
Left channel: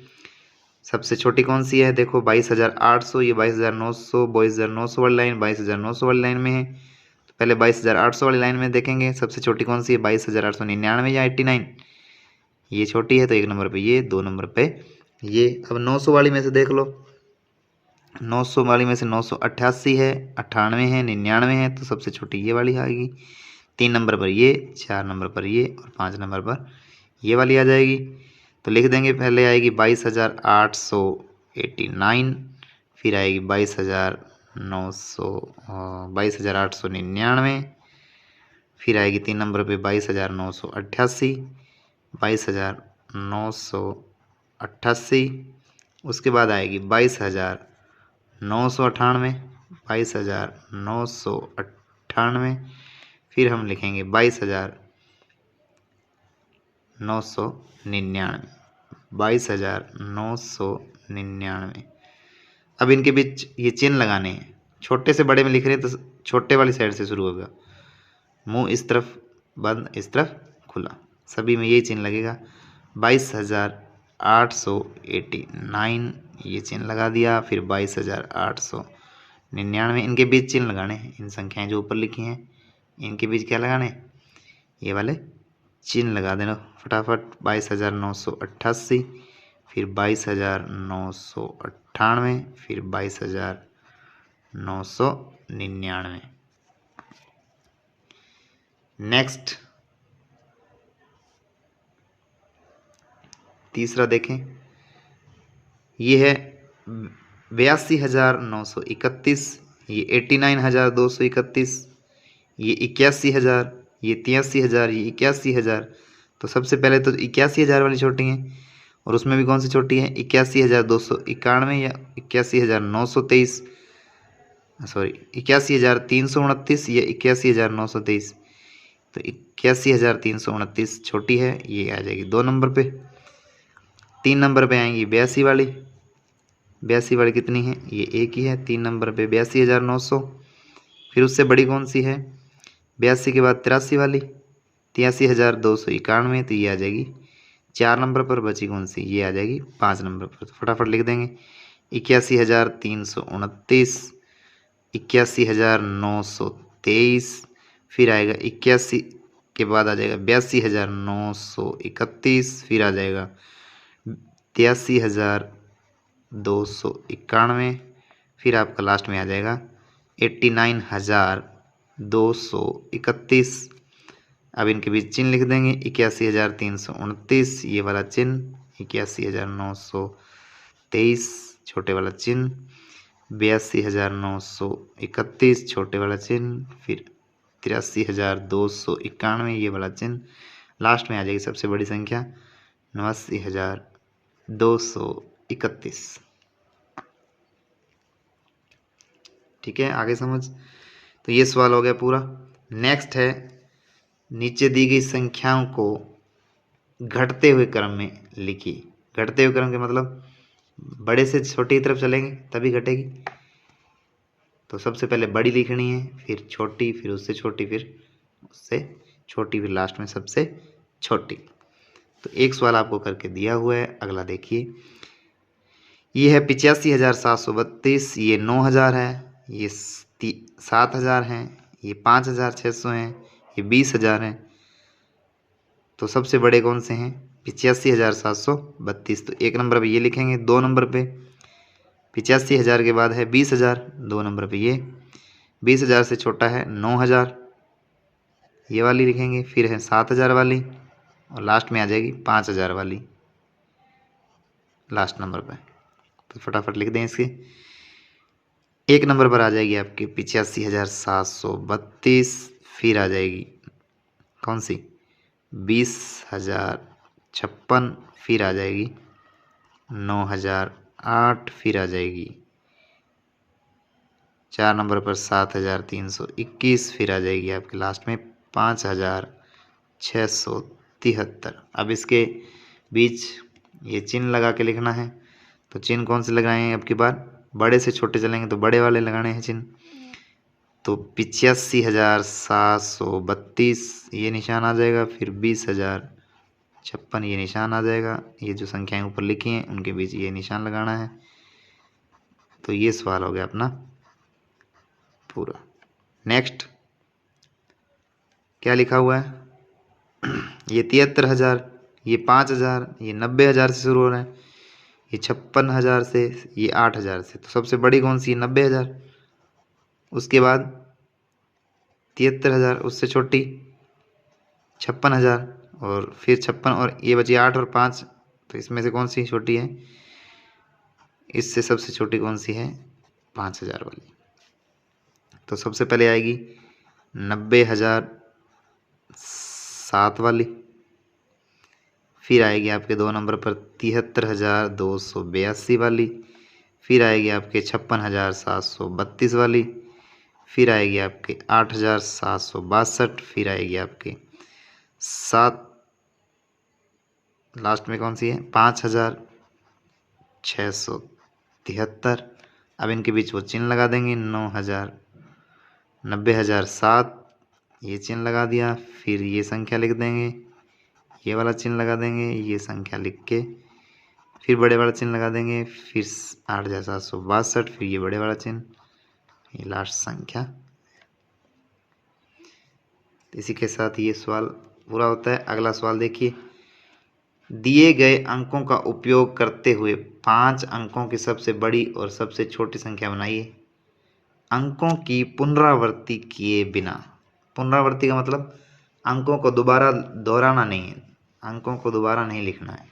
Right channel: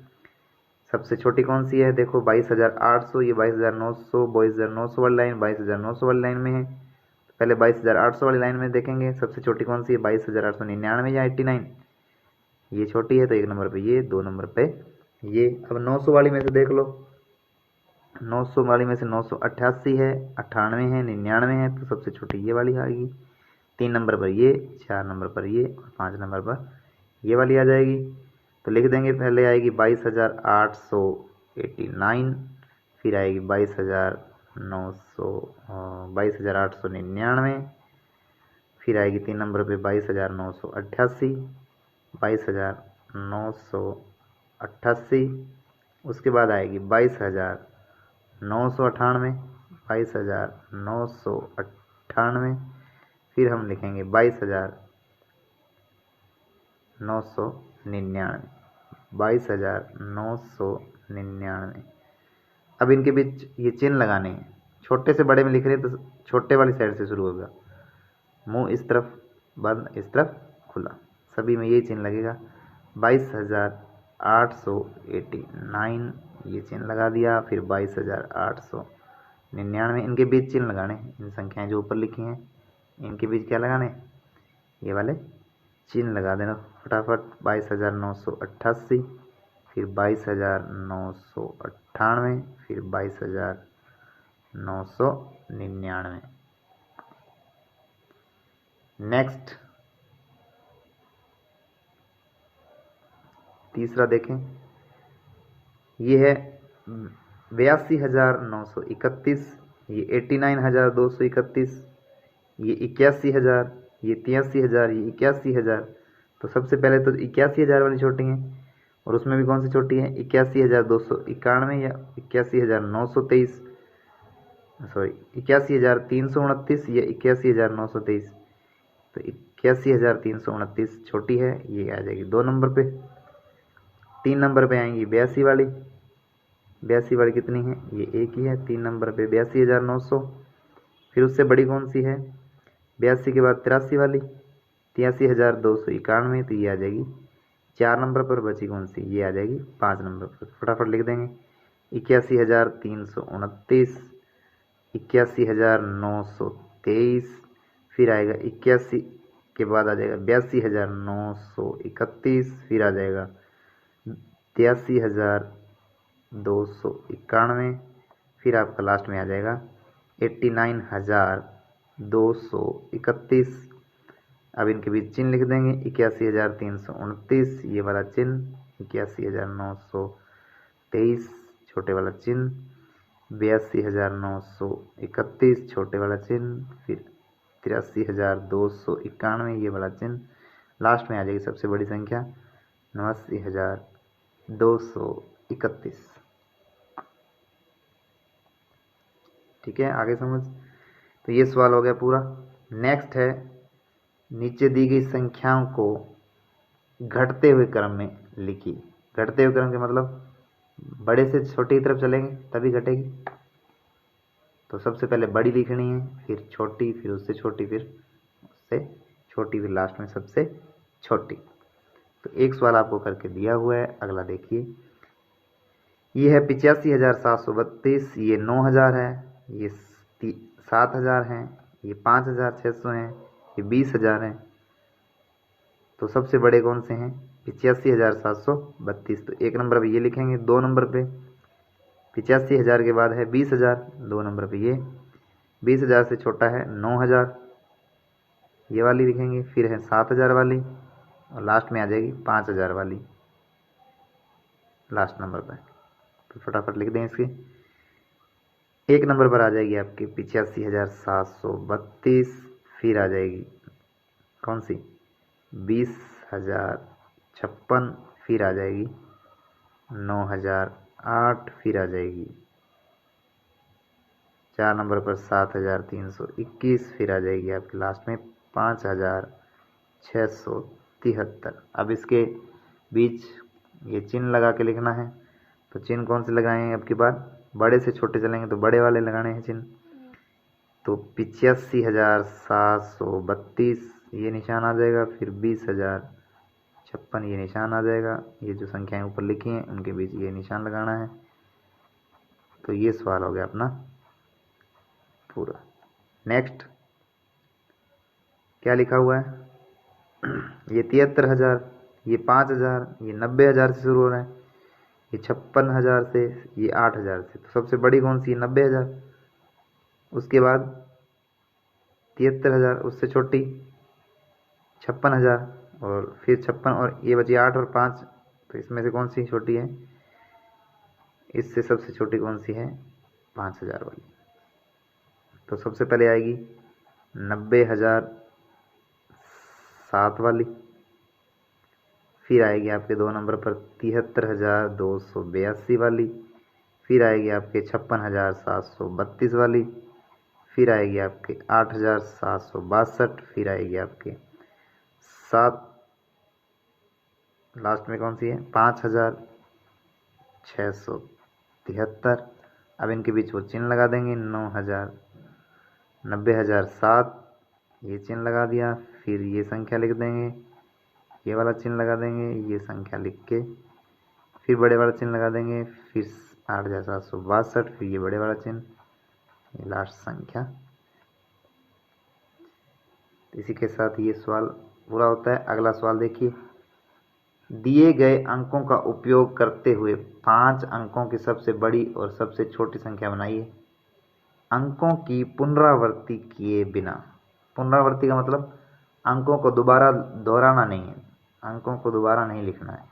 सबसे छोटी कौन सी है? देखो 22,800, ये 22,900, 22,900 वाली लाइन 22,900 वाली लाइन में है। तो पहले 22,800 वाली लाइन में देखेंगे सबसे छोटी कौन सी है, 22,899 या 89। ये छोटी है, तो 1 नंबर पे ये, 2 नंबर पे ये। अब 900 वाली में से देख लो, 900 वाली में से 988 है, 98 है, 99 है, तो सबसे छोटी ये वाली आएगी। 3 नंबर पर ये, 4 नंबर पर ये और 5 नंबर पर ये वाली आ जाएगी। तो लिख देंगे, पहले आएगी 22,889, फिर आएगी 22,899, फिर आएगी 3 नंबर पे 22,988, 22,988, उसके बाद आएगी 22,998, 22,998, फिर हम लिखेंगे 22,999, 22,999। अब इनके बीच ये चिन्ह लगाने हैं। छोटे से बड़े में लिख रहे हैं तो छोटे वाली साइड से शुरू होगा, मुंह इस तरफ बंद, इस तरफ खुला, सभी में यही चिन्ह लगेगा। 22,889 ये चिन्ह लगा दिया, फिर 22,899, इनके बीच चिन्ह लगाने हैं। इन संख्याएं जो ऊपर लिखी हैं इनके बीच क्या लगाने, ये वाले चिन्ह लगा देना फटाफट। 22,988, फिर 22,998, फिर 22,999। नेक्स्ट तीसरा देखें, ये है 82,931, ये 89,231, ये 81,000, ये 83,000, ये 81,000। तो सबसे पहले तो 81,000 वाली छोटी है, और उसमें भी कौन सी छोटी है, 81,291 या 81,923, सॉरी 81,329 या 81,923। तो 81,329 छोटी है, ये आ जाएगी 2 नंबर पे। 3 नंबर पे आएंगी 82 वाली, 82 वाली कितनी है, ये एक ही है, 3 नंबर पे 82,900। फिर उससे बड़ी कौन सी है, 82 के बाद 83 वाली, 83,291, तो ये आ जाएगी 4 नंबर पर। बची कौन सी, ये आ जाएगी 5 नंबर पर। तो फटाफट लिख देंगे, 81,329, 81,923, फिर आएगा 81 के बाद आ जाएगा 82,931, फिर आ जाएगा 83,291, फिर आपका लास्ट में आ जाएगा 89,231। अब इनके बीच चिन्ह लिख देंगे, 81,329 ये वाला चिन्ह, 81,923 छोटे वाला चिन्ह, 82,931 छोटे वाला चिन्ह, फिर 83,291 ये वाला चिन्ह, लास्ट में आ जाएगी सबसे बड़ी संख्या 89,231। ठीक है, आगे समझ। तो ये सवाल हो गया पूरा। नेक्स्ट है, नीचे दी गई संख्याओं को घटते हुए क्रम में लिखिए। घटते हुए क्रम के मतलब बड़े से छोटी की तरफ चलेंगे तभी घटेगी। तो सबसे पहले बड़ी लिखनी है, फिर छोटी, फिर उससे छोटी, फिर उससे छोटी, फिर लास्ट में सबसे छोटी। तो एक सवाल आपको करके दिया हुआ है, अगला देखिए। ये है 85,732, ये 9,000 है, ये 7,000 है, ये 5,600 हैं, ये 20,000 हैं। तो सबसे बड़े कौन से हैं, 85,732। तो 1 नंबर पे ये लिखेंगे, 2 नंबर पे 85,000 के बाद है 20,000, 2 नंबर पे ये। 20,000 से छोटा है 9,000, ये वाली लिखेंगे, फिर है 7,000 वाली, और लास्ट में आ जाएगी 5,000 वाली लास्ट नंबर पे। तो फटाफट लिख दें इसके। एक नंबर पर आ जाएगी आपकी 85,732, फिर आ जाएगी कौन सी 20,056, फिर आ जाएगी 9,008, फिर आ जाएगी 4 नंबर पर 7,321, फिर आ जाएगी आपके लास्ट में 5,673। अब इसके बीच ये चिन्ह लगा के लिखना है। तो चिन्ह कौन से लगाएंगे अब की बार, बड़े से छोटे चलेंगे तो बड़े वाले लगाने हैं चिन्ह। तो 85,732 ये निशान आ जाएगा, फिर 20,056 ये निशान आ जाएगा। ये जो संख्याएं ऊपर लिखी हैं उनके बीच ये निशान लगाना है। तो ये सवाल हो गया अपना पूरा। नेक्स्ट क्या लिखा हुआ है, ये 73,000, ये 5,000, ये 90,000 से शुरू हो रहा है, ये 56,000 से, ये 8,000 से। तो सबसे बड़ी कौन सी है 90,000, उसके बाद 73,000, उससे छोटी 56,000, और फिर 56, और ये बची 8 और 5। तो इसमें से कौन सी छोटी है, इससे सबसे छोटी कौन सी है 5,000 वाली। तो सबसे पहले आएगी 90,007 वाली, फिर आएगी आपके 2 नंबर पर 73,282 वाली, फिर आएगी आपके 56,732 वाली, फिर आएगी आपके 8,762, फिर आएगी आपके 7, लास्ट में कौन सी है 5,673। अब इनके बीच वो चिन्ह लगा देंगे, 90,007 ये चिन्ह लगा दिया, फिर ये संख्या लिख देंगे, ये वाला चिन्ह लगा देंगे, ये संख्या लिख के फिर बड़े वाला चिन्ह लगा देंगे, फिर 8,762, फिर ये बड़े वाला चिन्ह, ये लास्ट संख्या। इसी के साथ ये सवाल पूरा होता है। अगला सवाल देखिए, दिए गए अंकों का उपयोग करते हुए 5 अंकों की सबसे बड़ी और सबसे छोटी संख्या बनाइए। अंकों की पुनरावृत्ति किए बिना। पुनरावृत्ति का मतलब अंकों को दोबारा दोहराना नहीं है, अंकों को दोबारा नहीं लिखना है,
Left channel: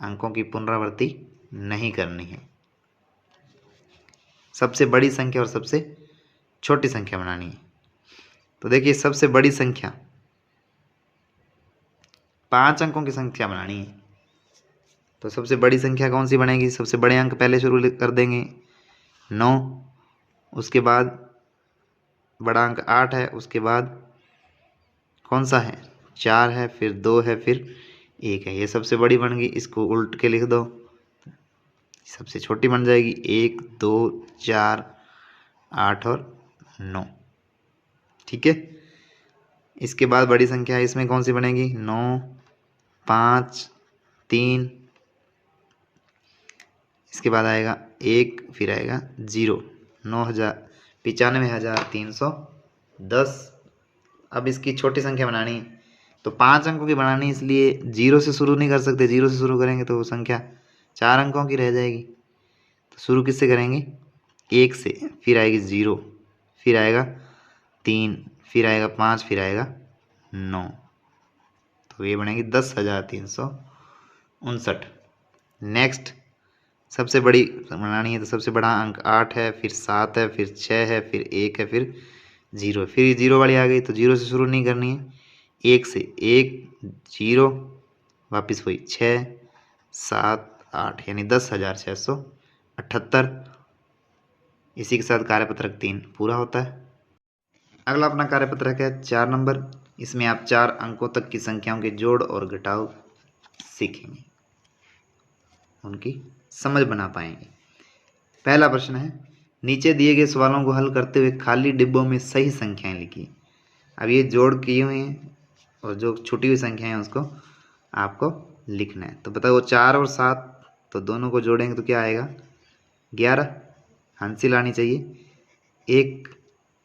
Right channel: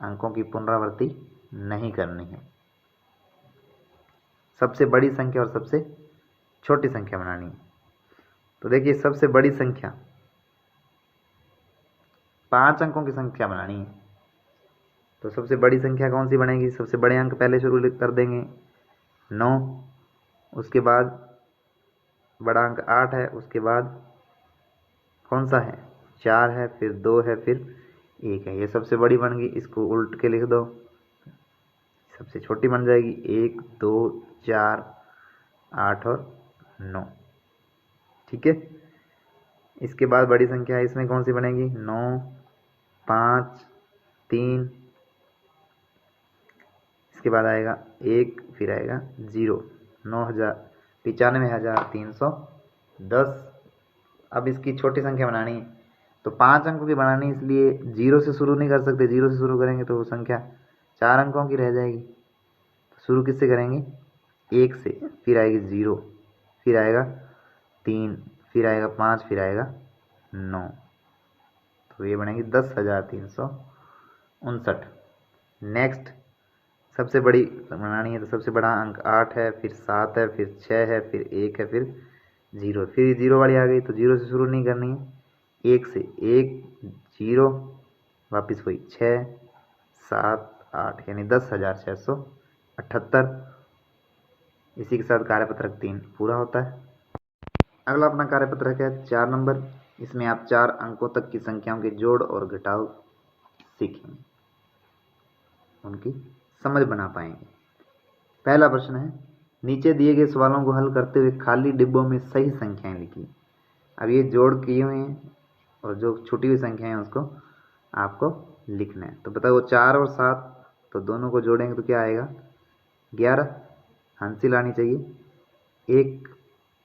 अंकों की पुनरावृत्ति नहीं करनी है। सबसे बड़ी संख्या और सबसे छोटी संख्या बनानी है। तो देखिए सबसे बड़ी संख्या 5 अंकों की संख्या बनानी है। तो सबसे बड़ी संख्या कौन सी बनेगी, सबसे बड़े अंक पहले शुरू कर देंगे 9, उसके बाद बड़ा अंक 8 है, उसके बाद कौन सा है 4 है, फिर 2 है, फिर 1 है। ये सबसे बड़ी बन गई, इसको उल्ट के लिख दो, सबसे छोटी बन जाएगी 1, 2, 4, 8 और 9। ठीक है, इसके बाद बड़ी संख्या है, इसमें कौन सी बनेगी 9, 5, 3, इसके बाद आएगा 1, फिर आएगा 0, 95,310। अब इसकी छोटी संख्या बनानी है, तो 5 अंकों की बनानी है, इसलिए 0 से शुरू नहीं कर सकते, 0 से शुरू करेंगे तो वो संख्या 4 अंकों की रह जाएगी। तो शुरू किससे करेंगे 1 से, फिर आएगी 0, फिर आएगा 3, फिर आएगा 5, फिर आएगा 9। तो ये बनेगी 10,359। नेक्स्ट सबसे बड़ी बनानी है, तो सबसे बड़ा अंक 8 है, फिर 7 है, फिर 6 है, फिर 1 है, फिर 0, फिर 0 वाली आ गई। तो 0 से शुरू नहीं करनी है, 1 से, 1, 0, वापस वही 6, 7, 8, यानी 10,678। इसी के साथ कार्यपत्रक 3 पूरा होता है। अगला अपना कार्यपत्रक है 4 नंबर। इसमें आप 4 अंकों तक की संख्याओं के जोड़ और घटाव सीखेंगे, उनकी समझ बना पाएंगे। पहला प्रश्न है, नीचे दिए गए सवालों को हल करते हुए खाली डिब्बों में सही संख्याएं लिखिए। अब ये जोड़ किए हुए हैं और जो छुटी हुई संख्याएं हैं उसको आपको लिखना है। तो बताओ 4 और 7, तो दोनों को जोड़ेंगे तो क्या आएगा 11, हंसी लानी चाहिए एक।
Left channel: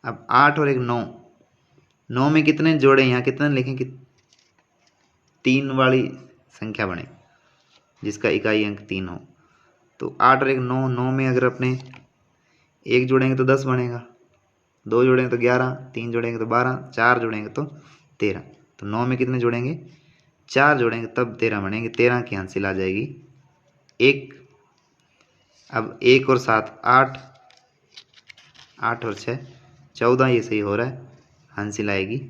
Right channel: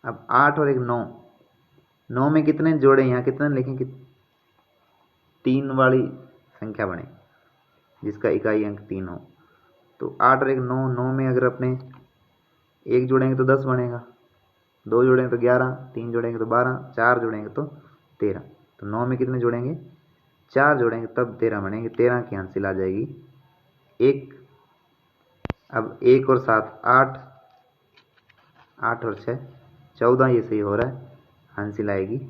अब 8 और 1 9, 9 में कितने जोड़े, यहाँ कितने लिखें कि 3 वाली संख्या बने जिसका इकाई अंक 3 हो। तो 8 और 1 9, 9 में अगर अपने 1 जोड़ेंगे तो 10 बनेगा, 2 जोड़ेंगे तो 11, 3 जोड़ेंगे तो 12, 4 जोड़ेंगे तो 13। तो 9 में कितने जोड़ेंगे? 4 जोड़ेंगे तब 13 बनेंगे। 13 की हासिल आ जाएगी 1। अब 1 और 7 8, 8 और 6 14, ये सही हो रहा है। हासिल आएगी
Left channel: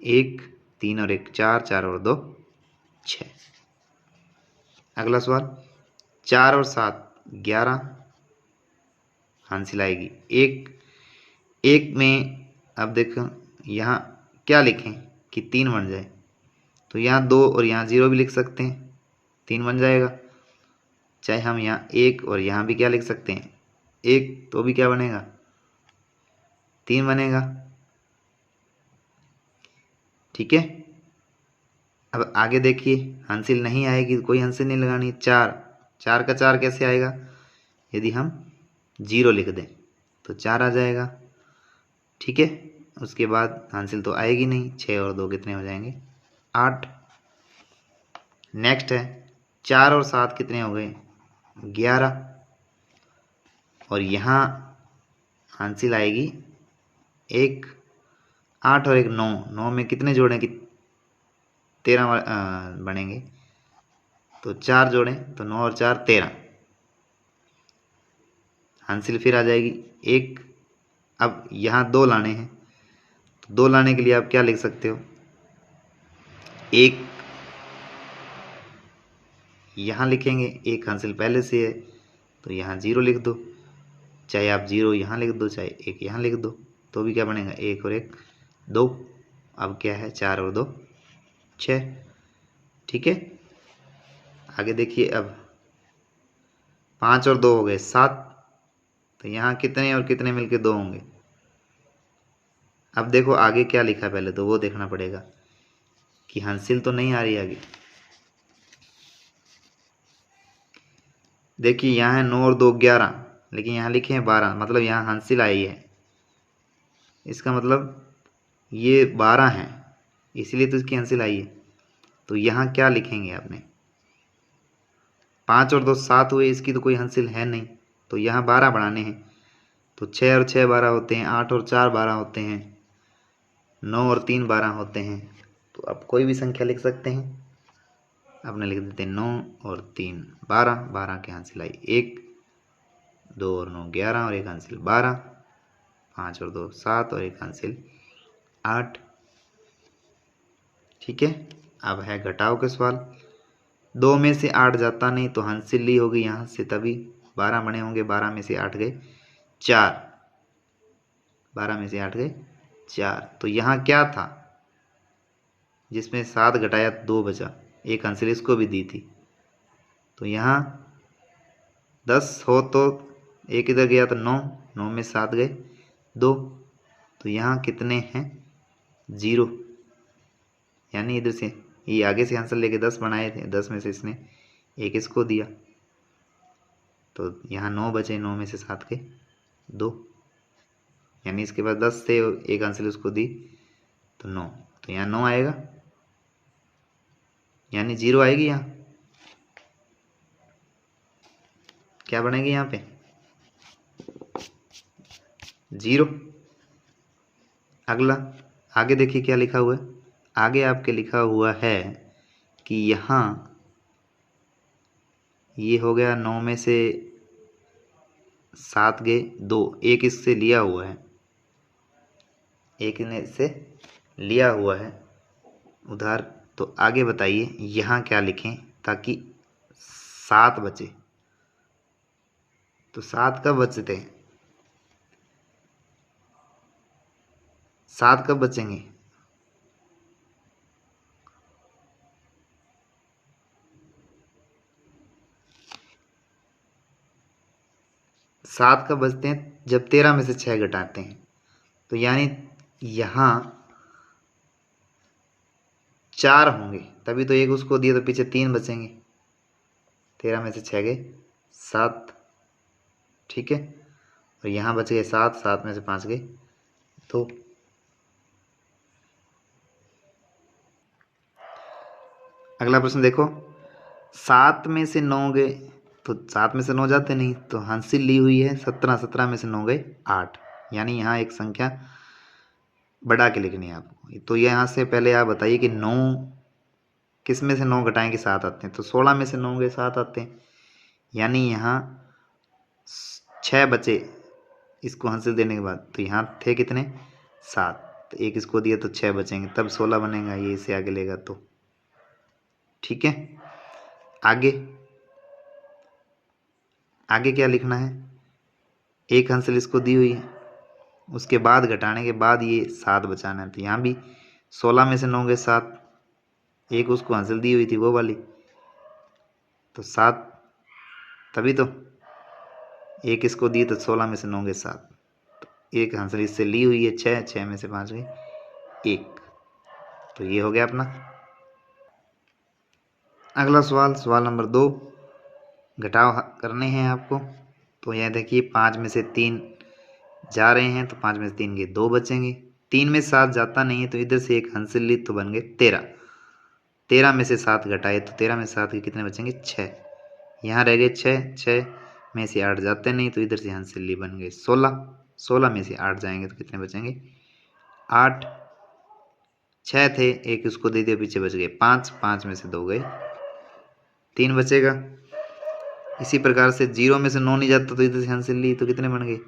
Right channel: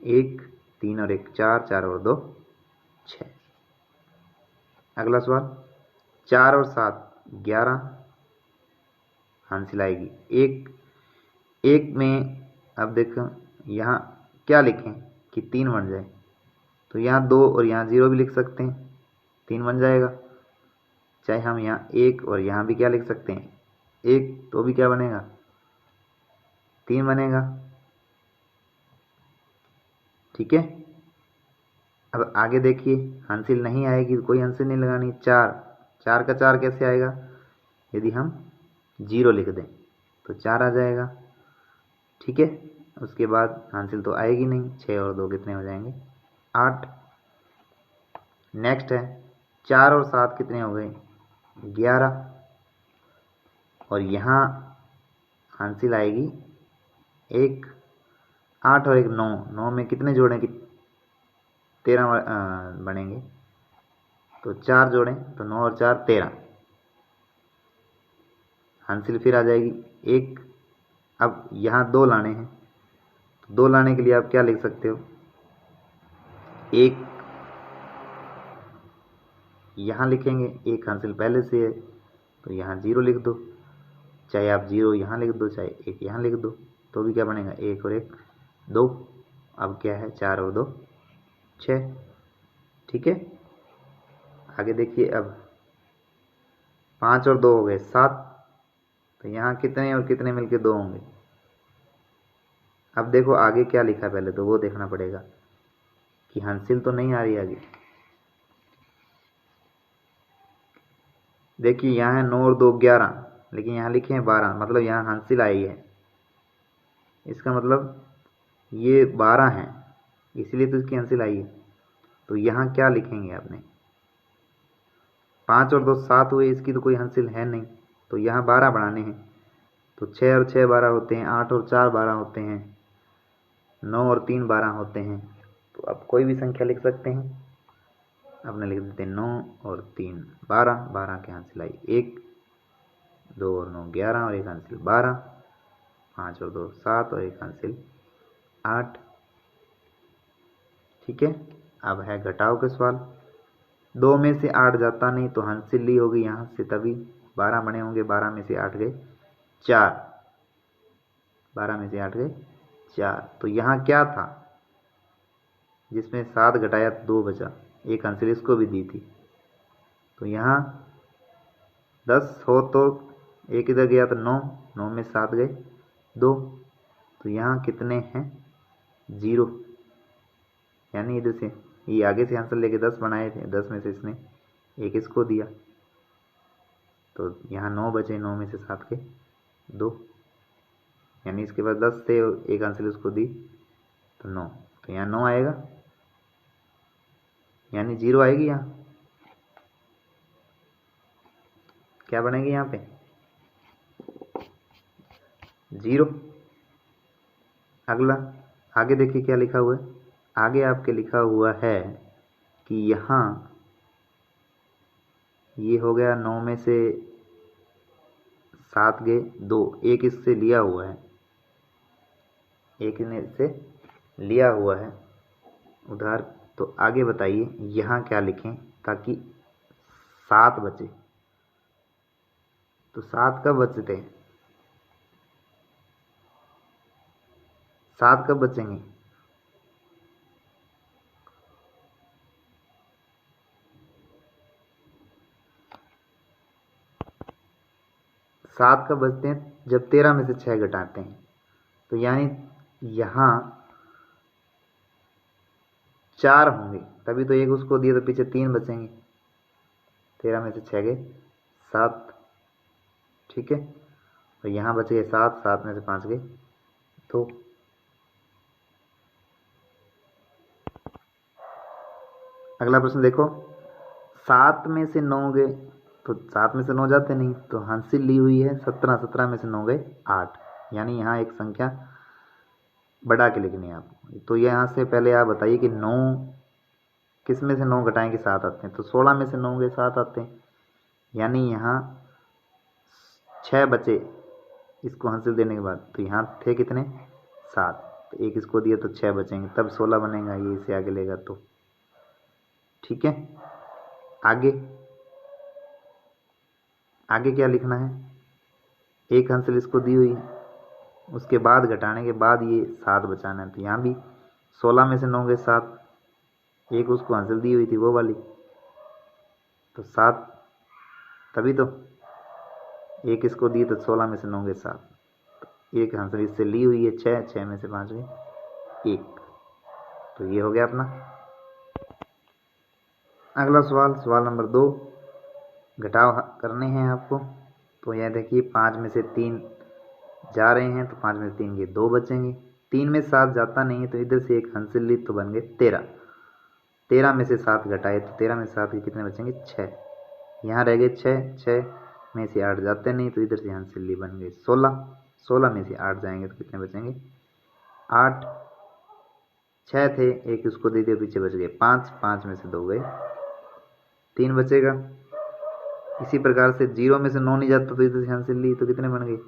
1, 3 और 1 4, 4 और 2 6। अगला सवाल 4 और 7 11, हासिल आएगी 1। 1 में अब देखो यहाँ क्या लिखें कि 3 बन जाए, तो यहाँ 2 और यहाँ 0 भी लिख सकते हैं, 3 बन जाएगा। चाहे हम यहाँ 1 और यहाँ भी क्या लिख सकते हैं, 1, तो भी क्या बनेगा, 3 बनेगा। ठीक है। अब आगे देखिए, हासिल नहीं आएगी, कोई हासिल नहीं लगानी। 4 4 का 4 कैसे आएगा, यदि हम 0 लिख दें तो 4 आ जाएगा। ठीक है। उसके बाद हासिल तो आएगी नहीं। 6 और 2 कितने हो जाएंगे, 8। नेक्स्ट है 4 और 7 कितने हो गए, 11। और यहाँ हासिल आएगी 1, 8 और 1 9। 9 में कितने जोड़ें कि 13 बनेंगे, तो 4 जोड़ें तो 9 और 4 13। हासिल फिर आ जाएगी 1। अब यहाँ 2 लाने हैं, तो 2 लाने के लिए आप क्या लिख सकते हो, 1 यहाँ लिखेंगे, 1 हासिल पहले से है तो यहाँ 0 लिख दो। चाहे आप 0 यहाँ लिख दो, चाहे 1 यहाँ लिख दो, तो भी क्या बनेगा, 1 और 1 2। अब क्या है, 4 और 2 6। ठीक है। आगे देखिए, अब 5 और 2 हो गए 7, तो यहाँ कितने और कितने मिलके 2 होंगे। अब देखो आगे क्या लिखा है, पहले तो वो देखना पड़ेगा कि हासिल तो नहीं आ रही आगे। देखिए यहाँ है 9 और 2 11, लेकिन यहाँ लिखे हैं 12, मतलब यहाँ हासिल आई है। इसका मतलब ये 12 हैं, इसलिए तो इसकी हासिल आई है। तो यहाँ क्या लिखेंगे आपने, 5 और 2 7 हुए, इसकी तो कोई हासिल है नहीं, तो यहाँ 12 बढ़ाने हैं। तो 6 और 6 12 होते हैं, 8 और 4 12 होते हैं, 9 और 3 12 होते हैं। तो आप कोई भी संख्या लिख सकते हैं। आपने लिख देते हैं 9 और 3 12, 12 की हासिल आई 1, 2 और 9 11 और 1 हासिल 12, 5 और 2 7 और 1 हासिल 8। ठीक है। अब है घटाव के सवाल। 2 में से 8 जाता नहीं, तो हासिल ली होगी यहाँ से, तभी 12 बने होंगे। 12 में से 8 गए 4, 12 में से 8 गए 4। तो यहाँ क्या था, जिसमें 7 घटाया 2 बचा, 1 हासिल इसको भी दी थी। तो यहाँ 10 हो तो 1 इधर गया तो 9, 9 में 7 गए 2, तो यहाँ कितने हैं 0। यानी इधर से ये आगे से आंसर लेके 10 बनाए थे, 10 में से इसने 1 इसको दिया, तो यहाँ 9 बचे, 9 में से 7 गए 2, यानी इसके बाद 10 थे, 1 आंसर उसको दी तो 9, तो यहाँ 9 आएगा, यानी 0 आएगी। यहाँ क्या बनेगी, यहाँ पे 0। अगला आगे देखिए क्या लिखा हुआ है। आगे आपके लिखा हुआ है कि यहाँ ये हो गया 9 में से 7 गए 2, 1 इससे लिया हुआ है, 1 ने से लिया हुआ है उधार। तो आगे बताइए यहाँ क्या लिखें ताकि 7 बचे। तो 7 कब बचते हैं, 7 कब बचेंगे, सात कब बचते हैं, जब 13 में से 6 घटाते हैं। तो यानी यहाँ 4 होंगे, तभी तो 1 उसको दिए, तो पीछे 3 बचेंगे। 13 में से 6 गए 7। ठीक है। और यहाँ बच गए 7, 7 में से 5 गए 2। अगला प्रश्न देखो, 7 में से 9 गए, तो 7 में से 9 जाते नहीं, तो हासिल ली हुई है 17, 17 में से 9 गए 8, यानी यहाँ एक संख्या बढ़ा के लिखनी है आपको। तो यहाँ से पहले आप बताइए कि 9 किस में से 9 घटाएंगे 7 आते हैं, तो 16 में से 9 गए 7 आते हैं। यानी यहाँ 6 बचे इसको हासिल देने के बाद, तो यहाँ थे कितने 7, तो एक इसको दिया तो 6 बचेंगे, तब 16 बनेगा, ये इसे आगे लेगा तो। ठीक है, आगे आगे क्या लिखना है, एक हासिल इसको दी हुई है, उसके बाद घटाने के बाद ये 7 बचाना है। तो यहाँ भी 16 में से 9 गए 7, एक उसको हासिल दी हुई थी वो वाली, तो 7, तभी तो एक इसको दी, तो 16 में से 9 गए 7, एक हासिल इससे ली हुई है 6, 6 में से 5 गए 1। तो ये हो गया अपना। अगला सवाल, सवाल नंबर 2, घटाव करने हैं आपको। तो यह देखिए 5 में से 3 जा रहे हैं, तो 5 में से 3 गए 2 बचेंगे। 3 में 7 जाता नहीं है, तो इधर से एक हासिल ली तो बन गए 13। 13 में से 7 घटाए तो 13 में से 7 के कितने बचेंगे 6। यहाँ रह गए 6, 6 में से 8 जाते नहीं, तो इधर से हासिल ली बन गए 16। 16 में से 8 जाएंगे तो कितने बचेंगे 8। 6 थे, एक उसको दे दिया, पीछे बच गए 5, 5 में से 2 गए 3 बचेगा। इसी प्रकार से 0 में से 9 नहीं जाता, तो इधर से हासिल ली तो कितने बन गए।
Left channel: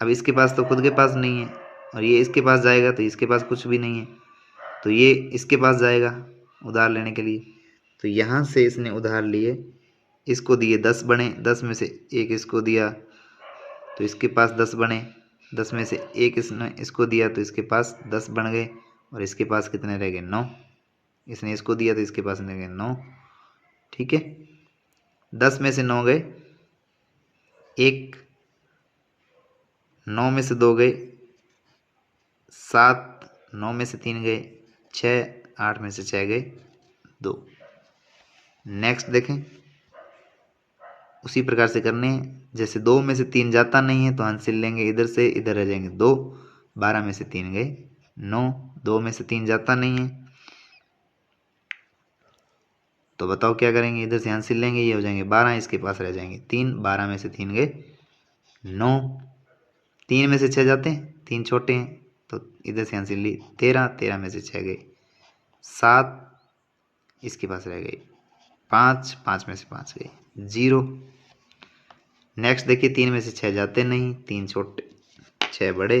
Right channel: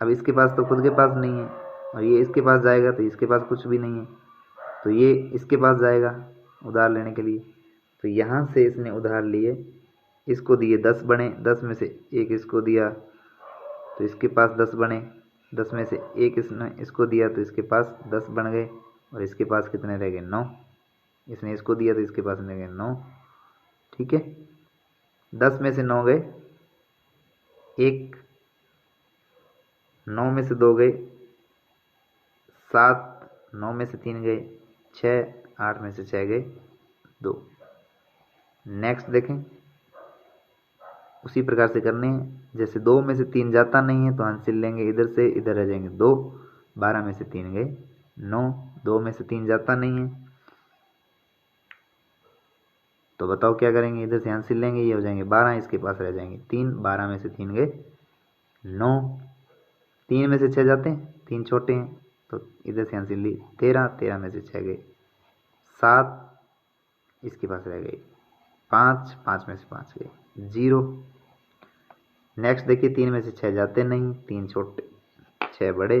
अब इसके पास तो खुद के पास नहीं है, और ये इसके पास जाएगा तो इसके पास कुछ भी नहीं है, तो ये इसके पास जाएगा उधार लेने के लिए। तो यहाँ से इसने उधार लिए, इसको दिए 10 बने, 10 में से एक इसको दिया तो इसके पास 10 बने, 10 में से एक इसने इसको दिया तो इसके पास 10 बन गए, और इसके पास कितने रह गए 9। इसने इसको दिया तो इसके पास रह गए 9। ठीक है, 10 में से 9 गए 1, 9 में से 2 गए 7, 9 में से 3 गए 6, 8 में से 6 गए 2। नेक्स्ट देखें, उसी प्रकार से करने हैं। जैसे 2 में से 3 जाता नहीं है, तो हासिल लेंगे इधर से, इधर रह जाएंगे 2, 12 में से 3 गए 9। 2 में से 3 जाता नहीं है, तो बताओ क्या करेंगे, इधर से हासिल लेंगे, ये हो जाएंगे 12, इसके पास रह जाएंगे 3, 12 में से 3 गए 9। 3 में से 6 जाते हैं, 3 छोटे हैं, तो इधर से हासिल ली 13, 13 में से 6 गए 7, इसके पास रह गए 5, 5 में से 5 गए 0। नेक्स्ट देखिए, 3 में से 6 जाते नहीं, 3 छोटे 6 बड़े,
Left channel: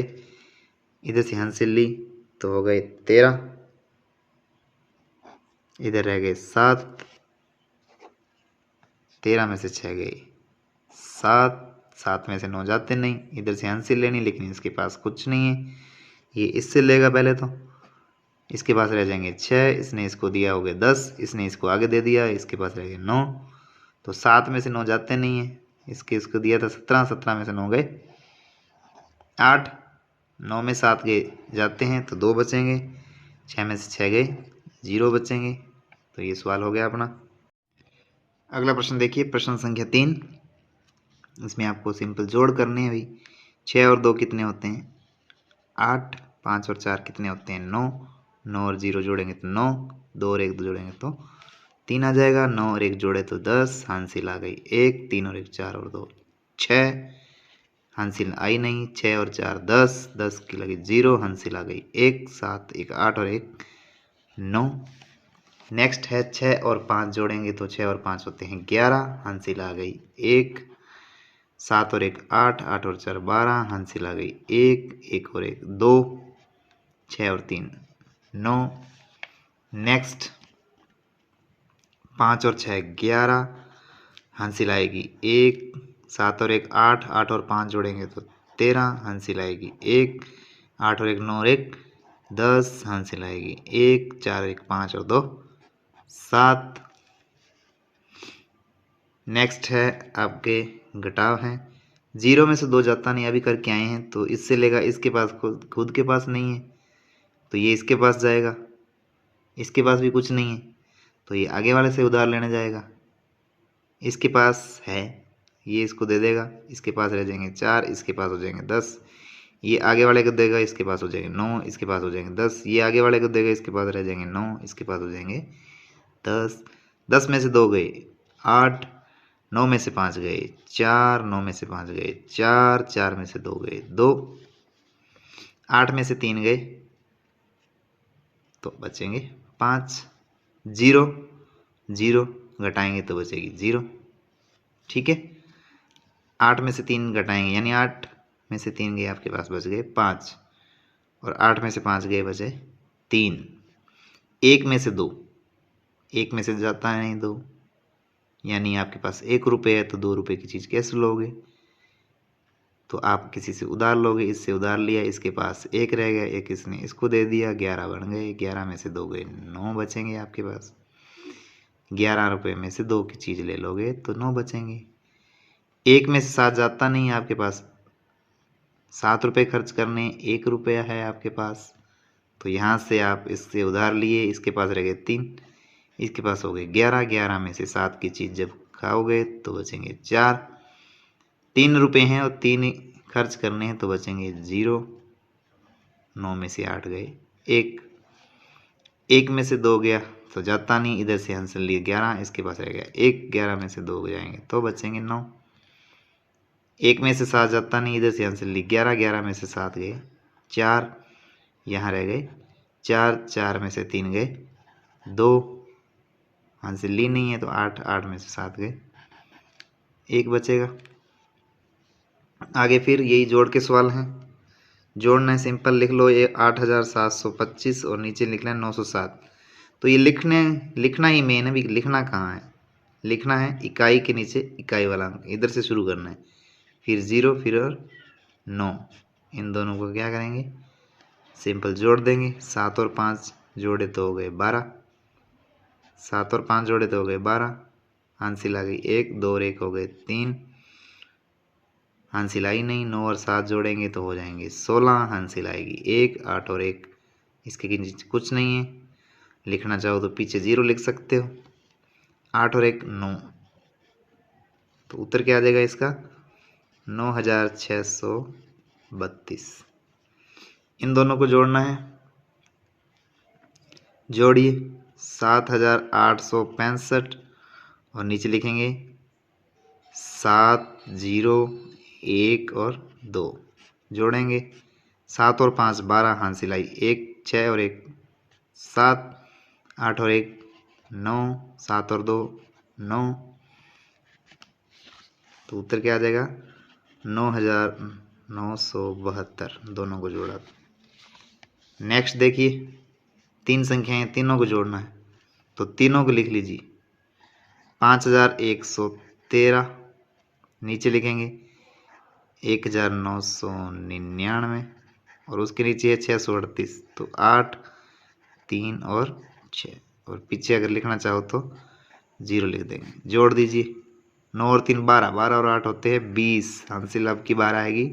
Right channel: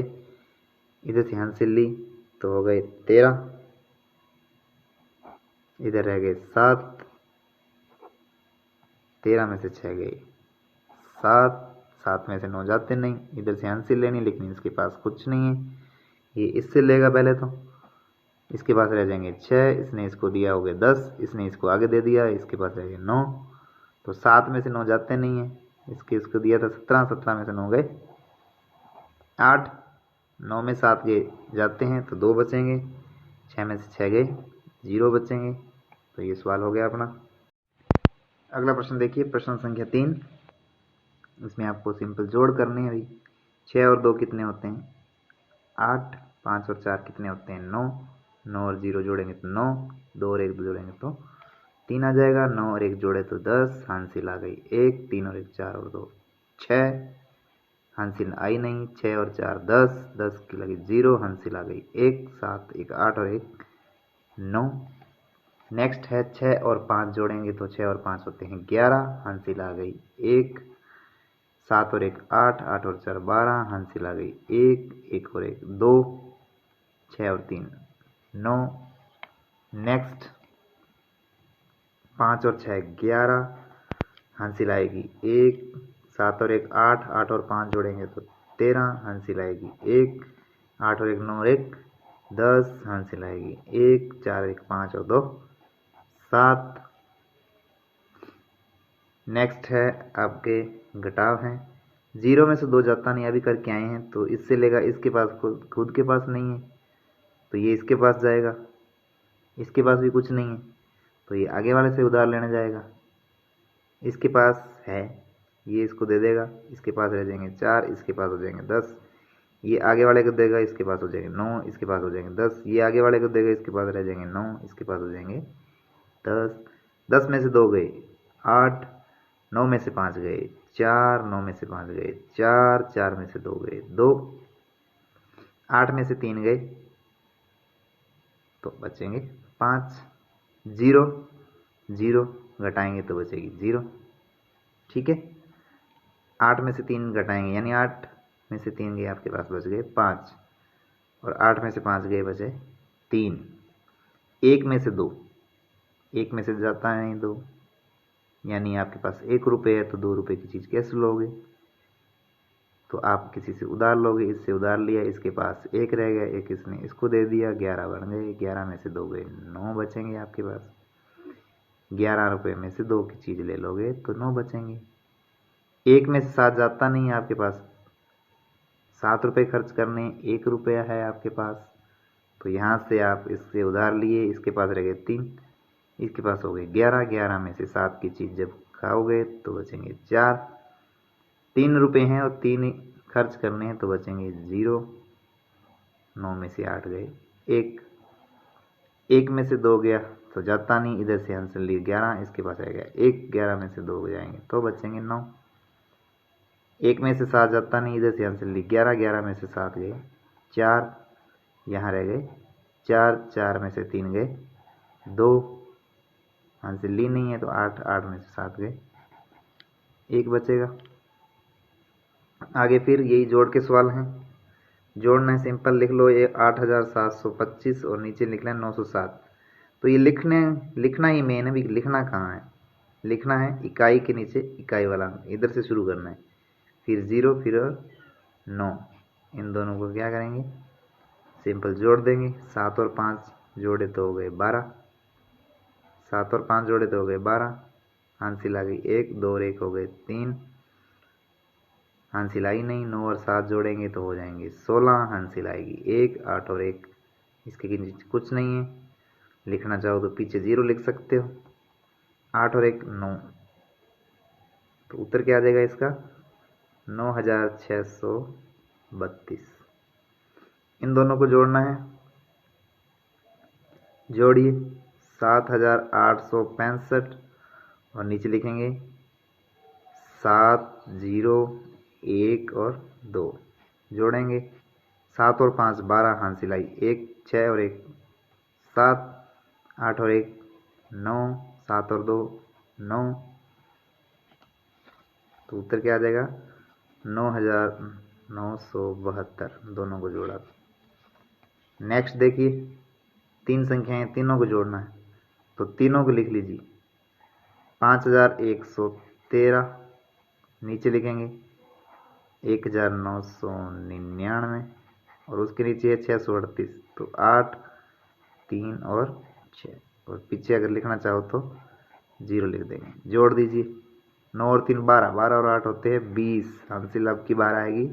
इधर से हासिल ली तो हो गए 13, इधर रह गए 7, 13 में से 6 गए 7, 7 में से 9 जाते नहीं, इधर से हासिल लेनी, लेकिन इसके पास कुछ नहीं है, ये इससे लेगा पहले, तो इसके पास रह जाएंगे 6, इसने इसको दिया हो गया 10, इसने इसको आगे दे दिया, इसके पास रह गए 9। तो 7 में से 9 जाते नहीं है, इसको दिया था 17, 17 में से 9 गए 8, 9 में 7 गए जाते हैं तो 2 बचेंगे, 6 में से 6 गए 0 बचेंगे। तो ये सवाल हो गया अपना। अगला प्रश्न देखिए, प्रश्न संख्या 3। इसमें आपको सिंपल जोड़ करने हैं भाई। 6 और 2 कितने होते हैं 8, 5 और 4 कितने होते हैं 9, 9 और 0 जोड़ेंगे तो 9, 2 और 1 जोड़ेंगे तो 3 आ जाएगा, 9 और 1 जोड़े तो 10, हासिल आ गई 1, 3 और 1 4 और 2 6, हासिल आई नहीं, 6 और 4 10, 10 की लगी 0, हासिल आ गई 1, 7 1 8 और 1 9। नेक्स्ट है 6 और 5 जोड़ेंगे तो 6 और 5 होते हैं 11, हासिल आ गई 1, 7 और 1 8, 8 और 4 12, हासिल आ गई 1, 1 और 1 2, 6 और 3 9। नेक्स्ट 5 और 6 11, हासिल आएगी 1, 7 और 1 8, 8 और 5 जोड़ेंगे तो 13, हासिल आएगी 1, 8 और 1 9 और 1 10, हासिल आएगी 1, 4 1 5 और 2 7। नेक्स्ट है आपके घटाव हैं। 0 में से 2 जाता नहीं, अभी करके आए हैं, तो इससे लेगा, इसके पास खुद के पास नहीं है, तो ये इसके पास जाएगा, इसके पास भी कुछ नहीं है, तो ये आगे वाले से उधार लेने जाएगा, इसके पास है, ये इसको दे देगा, इसके पास रह जाएंगे 4, इसके पास हो जाएंगे 10, ये आगे वाले को देगा, इसके पास हो जाएंगे 9, इसके पास हो जाएंगे 10, ये आगे वाले को देगा, इसके पास रह जाएंगे 9, इसके पास हो जाएंगे 10। 10 में से 2 गए 8, 9 में से 5 गए 4, 9 में से 5 गए 4, 4 में से 2 गए 2, 8 में से 3 गए तो बचेंगे 5, 0 0 घटाएंगे तो बचेगी 0। ठीक है, 8 में से 3 घटाएंगे यानी 8 में से 3 गए आपके पास बच गए 5, और 8 में से 5 गए बचे 3। 1 में से 2, 1 में से जाता है नहीं 2, यानी आपके पास 1 रुपये है तो 2 रुपये की चीज़ कैसे लोगे? तो आप किसी से उधार लोगे, इससे उधार लिया, इसके पास 1 रह गया, 1 इसने इसको दे दिया, 11 बन गए, 11 में से 2 गए 9 बचेंगे आपके पास। 11 रुपये में से 2 की चीज़ ले लोगे तो 9 बचेंगे। 1 में से 7 जाता नहीं है आपके पास, 7 रुपये खर्च करने, 1 रुपया है आपके पास, तो यहाँ से आप इससे उधार लिए, इसके पास रह गए 3, इसके पास हो गए 11, 11 में से 7 की चीज़ जब खाओगे तो बचेंगे 4, 3 रुपये हैं और 3 खर्च करने हैं तो बचेंगे 0, 9 में से 8 गए 1, 1 में से 2 गया तो जाता नहीं, इधर से आंसर लिए 11, इसके पास रह गया 1, 11 में से 2 जाएंगे तो बचेंगे 9, 1 में से 7 जाता नहीं, इधर से आंसर लिए 11, 11 में से 7 गए 4, यहाँ रह गए 4, 4 में से 3 गए 2, आंसर ली नहीं है तो 8, 8 में से 7 गए 1 बचेगा। आगे फिर यही जोड़ के सवाल हैं, जोड़ना है सिंपल, लिख लो ये 8725 और नीचे लिखना है 907। तो ये लिखना ही मेन है, भी लिखना कहाँ है, लिखना है इकाई के नीचे इकाई वाला अंक, इधर से शुरू करना है, फिर 0 फिर और 9, इन दोनों को क्या करेंगे सिंपल जोड़ देंगे। 7 और 5 जोड़े तो हो गए 12, 7 और 5 जोड़े तो हो गए 12, हासिल आ गई 1, 2 और 1 हो गए 3, हासिल आई नहीं, 9 और 7 जोड़ेंगे तो हो जाएंगे 16, हासिल आएगी 1, 8 और 1 इसके नीचे कुछ नहीं है, लिखना चाहो तो पीछे 0 लिख सकते हो, 8 और 1 9, तो उत्तर क्या आ जाएगा इसका 9632। इन दोनों को जोड़ना है, जोड़िए 7865 और नीचे लिखेंगे 7, 0, 1 और 2, जोड़ेंगे 7 और 5 12, हासिल आई 1, 6 और 1 7, 8 और 1 9, 7 और 2 9, तो उत्तर क्या आ जाएगा 9972, दोनों को जोड़ा। नेक्स्ट देखिए 3 संख्याएं, तीनों को जोड़ना है तो तीनों को लिख लीजिए 5113, नीचे लिखेंगे 1999 और उसके नीचे है 638, तो 8, 3 और 6, और पीछे अगर लिखना चाहो तो 0 लिख देंगे। जोड़ दीजिए 9 और 3 12, 12 और 8 होते हैं 20, हासिल अब की बार आएगी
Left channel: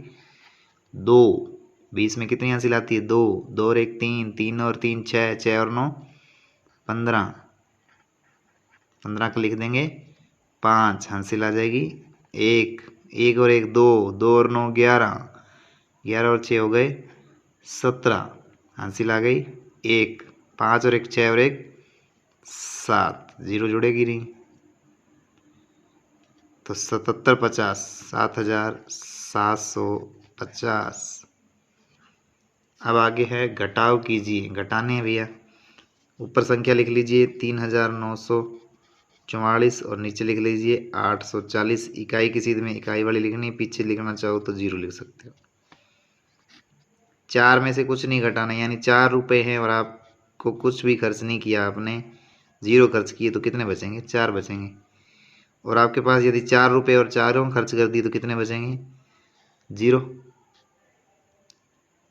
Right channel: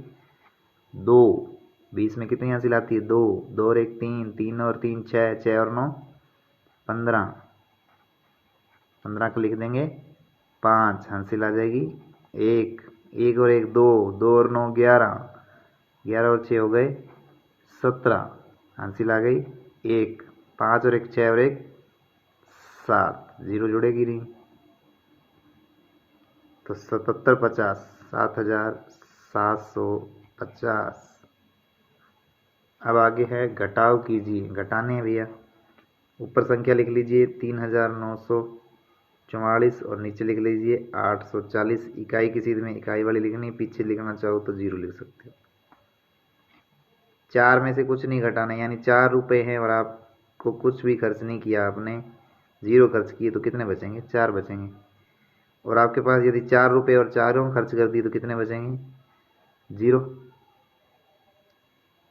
2, 20 में कितनी हासिल आती है 2, 2 और 1 3, 3 और 3 6, 6 और 9 15, 15 को लिख देंगे 5, हासिल आ जाएगी 1, 1 और 1 2, 2 और 9 11, 11 और 6 हो गए 17, हासिल आ गई 1, 5 और 1 6 और 1 7, 0 जुड़ेगी नहीं तो 77 50, 7750। अब आगे है घटाव कीजिए, घटाने हैं भैया, ऊपर संख्या लिख लीजिए 3944 और नीचे लिख लीजिए 840, इकाई की सीध में इकाई वाली लिखनी, पीछे लिखना चाहो तो 0 लिख सकते हो। 4 में से कुछ नहीं घटाना, यानी 4 रुपये हैं और आपको कुछ भी खर्च नहीं किया, आपने 0 खर्च किए तो कितने बचेंगे 4 बचेंगे, और आपके पास यदि 4 रुपये और 4 खर्च कर दिए तो कितने बचेंगे 0।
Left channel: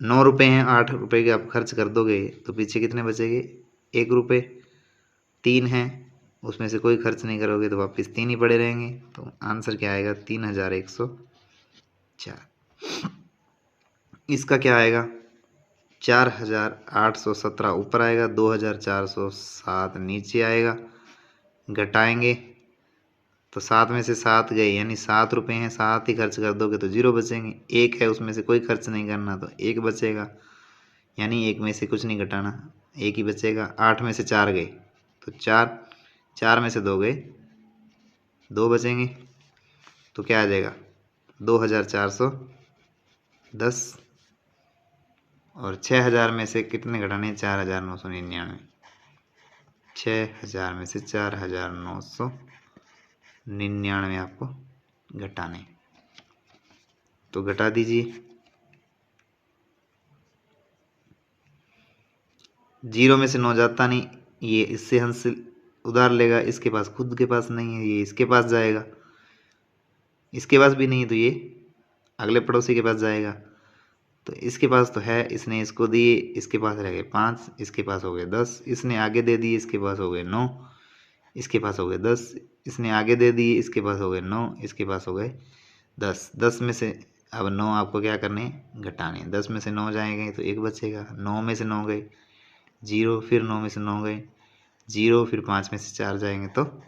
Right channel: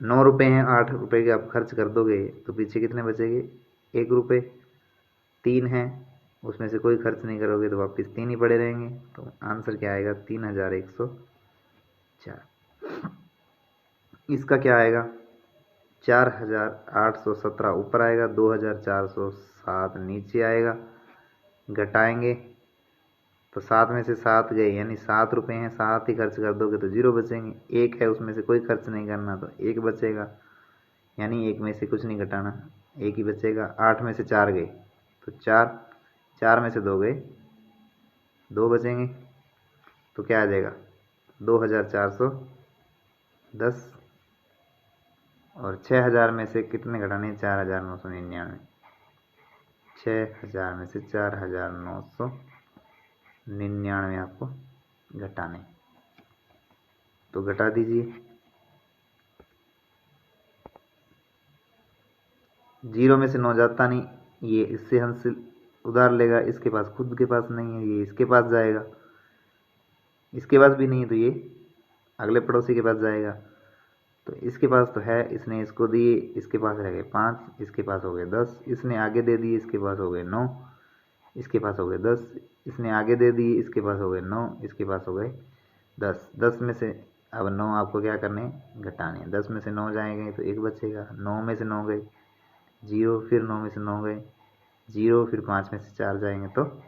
9 रुपये हैं, 8 रुपये के आप खर्च कर दोगे तो पीछे कितने बचेंगे 1 रुपये, 3 हैं उसमें से कोई खर्च नहीं करोगे तो वापस 3 ही पड़े रहेंगे, तो आंसर क्या आएगा 3104। इसका क्या आएगा 4817 ऊपर आएगा, 2407 नीचे आएगा। घटाएंगे तो 7 में से 7 गए यानी 7 रुपये हैं, 7 ही खर्च कर दोगे तो 0 बचेंगे, 1 है उसमें से कोई खर्च नहीं करना तो 1 बचेगा, यानी 1 में से कुछ नहीं घटाना, 1 ही बचेगा। 8 में से 4 गए तो 4, 4 में से 2 गए 2 बचेंगे, तो क्या आ जाएगा 2410 और 6000 में से कितने घटाने 4999। 6000 में से 4999 आपको घटाने, तो घटा दीजिए। 0 में से 9 जाता नहीं, ये इससे हंस उधार लेगा, इसके पास खुद के पास नहीं है, ये इसके पास जाएगा, इसके पास भी नहीं है तो ये अगले पड़ोसी के पास जाएगा। तो इसके पास तो है, इसने इसको दिए, इसके पास रह गए 5, इसके पास हो गए 10, इसने आगे दे दिए, इसके पास हो गए 9, इसके पास हो गए 10, इसने आगे दे दिए, इसके पास हो गए 9, इसके पास हो गए 10। 10 में से अब 9 आपको क्या करने घटाने, 10 में से 9 जाएंगे तो एक बचेगा, 9 में से 9 गए 0, फिर 9 में से 9 गए 0, फिर 5 में से 4 जाएंगे तो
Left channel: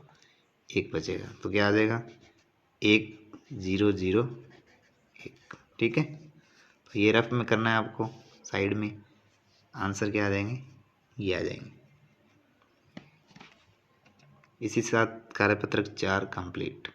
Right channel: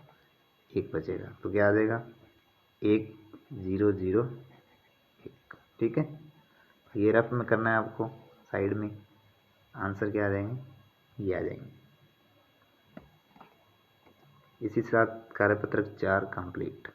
एक बचेगा। तो क्या आ जाएगा 1001। ठीक है, तो ये रफ में करना है आपको, साइड में आंसर क्या आ जाएंगे, ये आ जाएंगे। इसी साथ कार्यपत्रक 4 कंप्लीट।